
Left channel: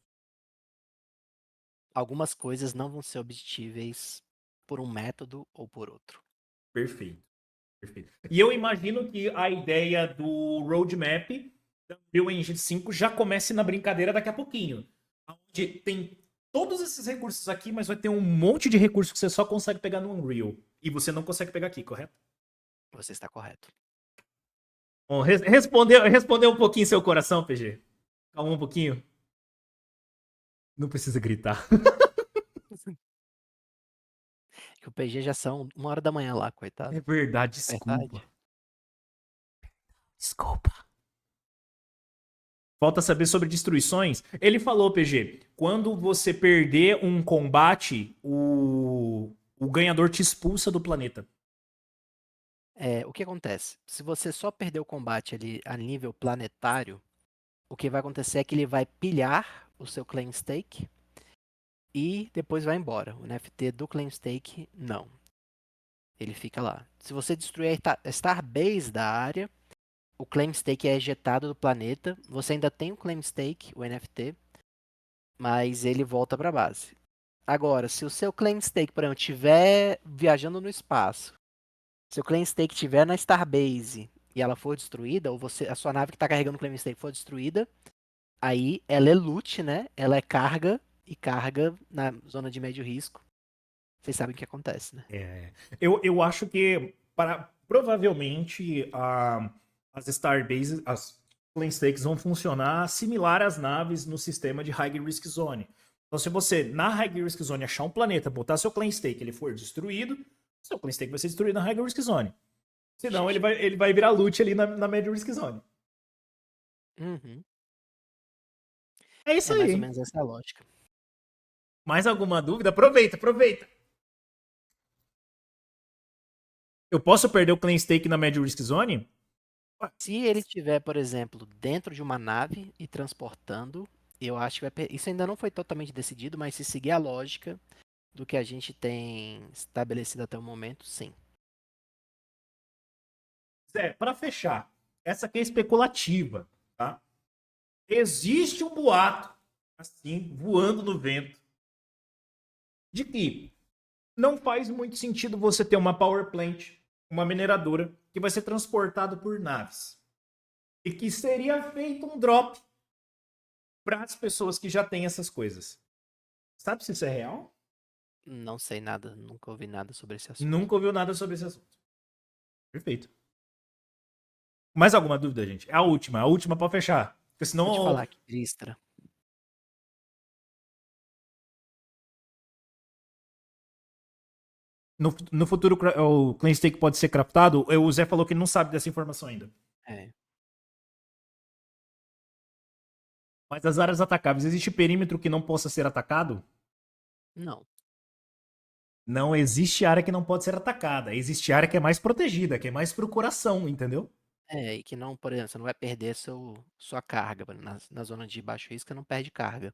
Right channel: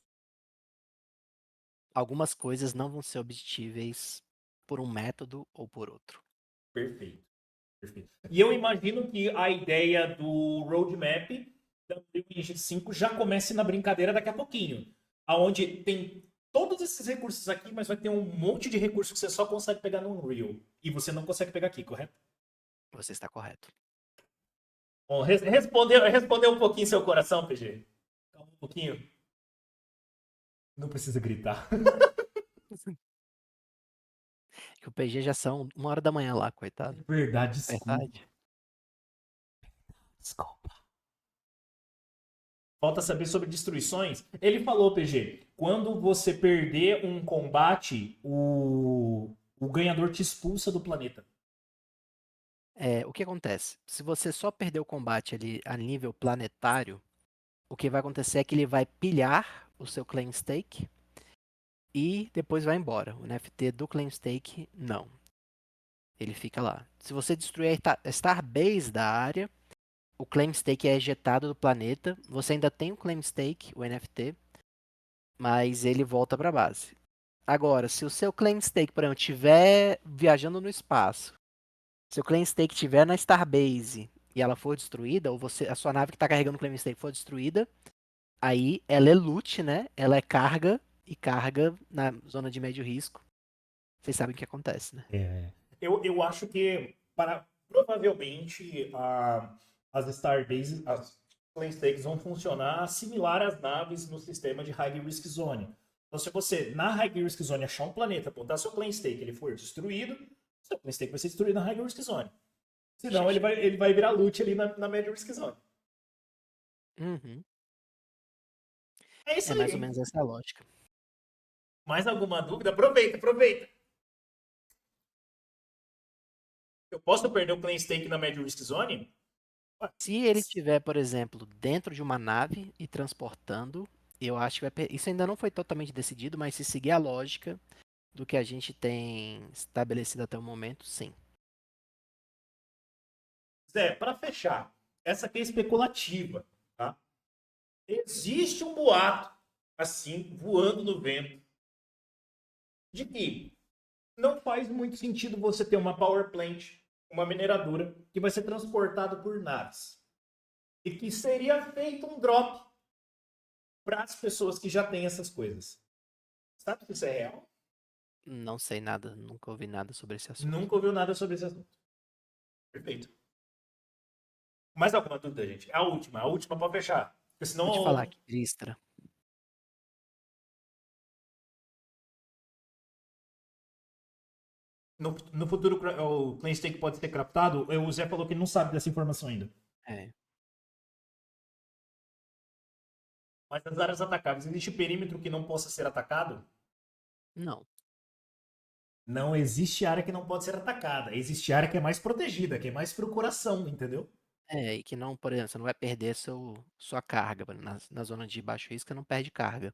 Algumas coisas não vão ser obtíveis por um método ou por outro. Perfeito. Perfeito. E eu imagino que a ideia do roadmap da Unreal Engine 5 já comece na brincadeira daqui a pouquinho. Onde tem todos esses recursos aqui, mas vai ter um monte de recursos que você só consegue pegar no Unreal. E você não consegue pegar aqui, correto? Você está correto. Bom, respondeu um pouquinho seu coração, PG? Calma um pouquinho. Não precisa gritar. Que o PG já são 1h da manhã lá, coitado. É verdade, desculpa. Verdade. Desculpa. Falta saber sobre destruições. Ele falou, PG, quando você perder um combate, o ganhador te expulsa do planeta. O que acontece? Se você só perder o combate ali a nível planetário, o que vai acontecer é que ele vai pilhar o seu claim stake e depois vai embora. O NFT do claim stake, não. Ele fica lá. Se você destruir a Starbase da área, o claim stake é ejetado do planeta. Você ainda tem o claim stake, o NFT, mas ele volta para a base. Agora, se o seu claim stake, por exemplo, estiver viajando no espaço, se o claim stake estiver na Starbase e ela for destruída, ou a sua nave que está carregando o claim stake for destruída, aí ela é loot, né? Ela é carga e carga na zona de médio risco. Vocês sabem o que acontece, né? Eu acho que provavelmente as Starbases, as Clan Stakes vão funcionar similar às naves no sistema de High Risk Zone. Então, se você, na High Risk Zone, achar um planeta, botar seu Clan Stake, ele for destruído, seu Clan Stake vai ser destruído na High Risk Zone. Senão, ele vai virar loot ali na Mad Risk Zone. Uhum. É isso É aí, mais ou hein? menos essa a lógica. Mais alguma dúvida? Aproveita. Eu posso perder o Clan Stake na Mad Risk Zone? Se ele estiver, por exemplo, dentro de uma nave e transportando, eu acho que isso ainda não foi totalmente decidido, mas se seguir a lógica, do que a gente tem estabelecido até o momento, sim. Zé, para fechar, essa aqui é especulativa, tá? Existe um boato, assim, voando no vento, de que não faz muito sentido você ter uma power plant, uma mineradora, que vai ser transportado por naves. E que seria feito um drop para as pessoas que já têm essas coisas. Sabe se isso é real? Não sei nada, nunca ouvi nada sobre esse assunto. Nunca ouviu nada sobre esse assunto. Perfeito. Mais alguma dúvida, gente? É a última para fechar. Porque Vou te falar senão, aqui, Vistra. no futuro, o Clean Stake pode ser craftado. O Zé falou que ele não sabe dessa informação ainda. É, Mas as áreas atacáveis, existe perímetro que não possa ser atacado? não. Não existe área que não pode ser atacada. Existe área que é mais protegida, que é mais pro coração, entendeu? É, e que não, por exemplo, você não vai perder sua carga. Na zona de baixo risco, você não perde carga. É.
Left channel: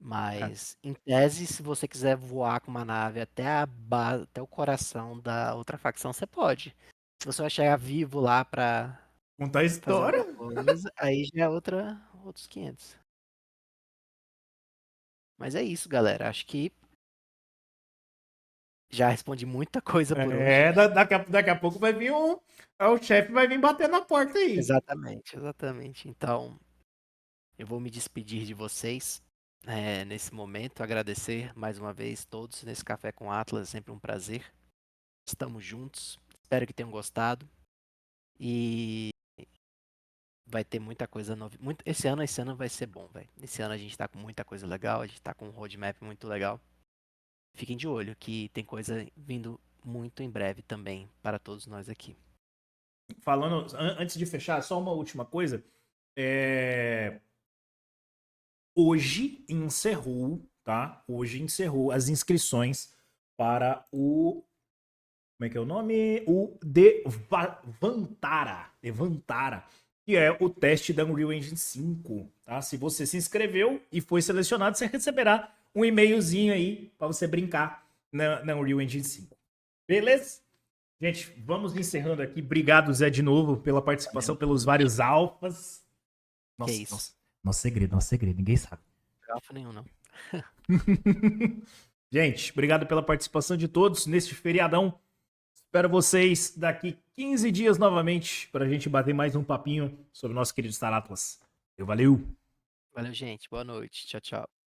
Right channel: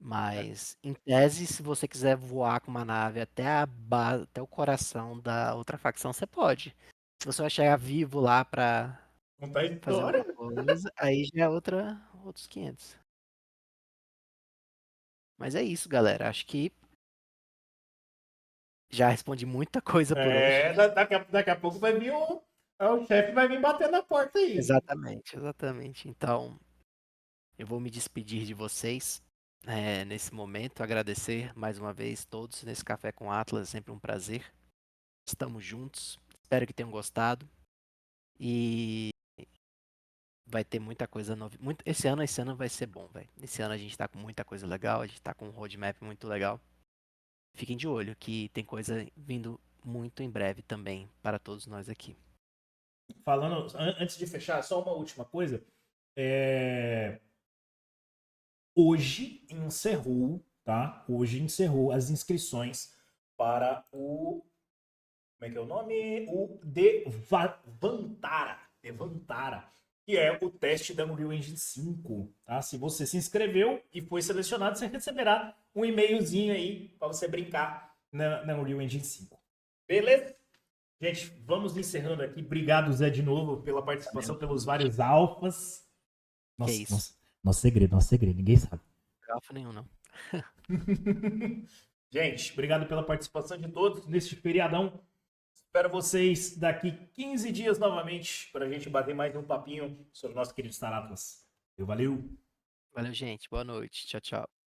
Mas, em tese, se você quiser voar com uma nave até a base, até o coração da outra facção, você pode. Se você vai chegar vivo lá pra Contar a fazer história. alguma coisa, aí já é outros 500. Mas é isso, galera. Acho que já respondi muita coisa por hoje. Daqui a pouco vai vir um. O chefe vai vir bater na porta aí. Exatamente, exatamente. Então, eu vou me despedir de vocês, nesse momento. Agradecer mais uma vez todos nesse Café com Atlas. É sempre um prazer. Estamos juntos. Espero que tenham gostado. E vai ter muita coisa nova. Esse ano vai ser bom, velho. Esse ano a gente tá com muita coisa legal. A gente tá com um roadmap muito legal. Fiquem de olho que tem coisa vindo muito em breve também para todos nós aqui. Falando, antes de fechar, só uma última coisa. É, hoje encerrou, tá? Hoje encerrou as inscrições para o. Como é que é o nome? O Devantara, que é o teste da Unreal Engine 5, tá? Se você se inscreveu e foi selecionado, você receberá um e-mailzinho aí para você brincar na Unreal Engine 5. Beleza? Gente, vamos encerrando aqui. Obrigado, Zé, de novo, pela participação, Valeu, pelos vários alfas. que é Nossa, isso? nosso segredo, ninguém sabe. Alfa nenhum, não. Gente, obrigado pela participação de todos neste feriadão. Espero vocês daqui 15 dias novamente para a gente bater mais um papinho sobre o nosso querido Star Atlas. Valeu! Valeu, gente. Boa noite. Tchau, tchau.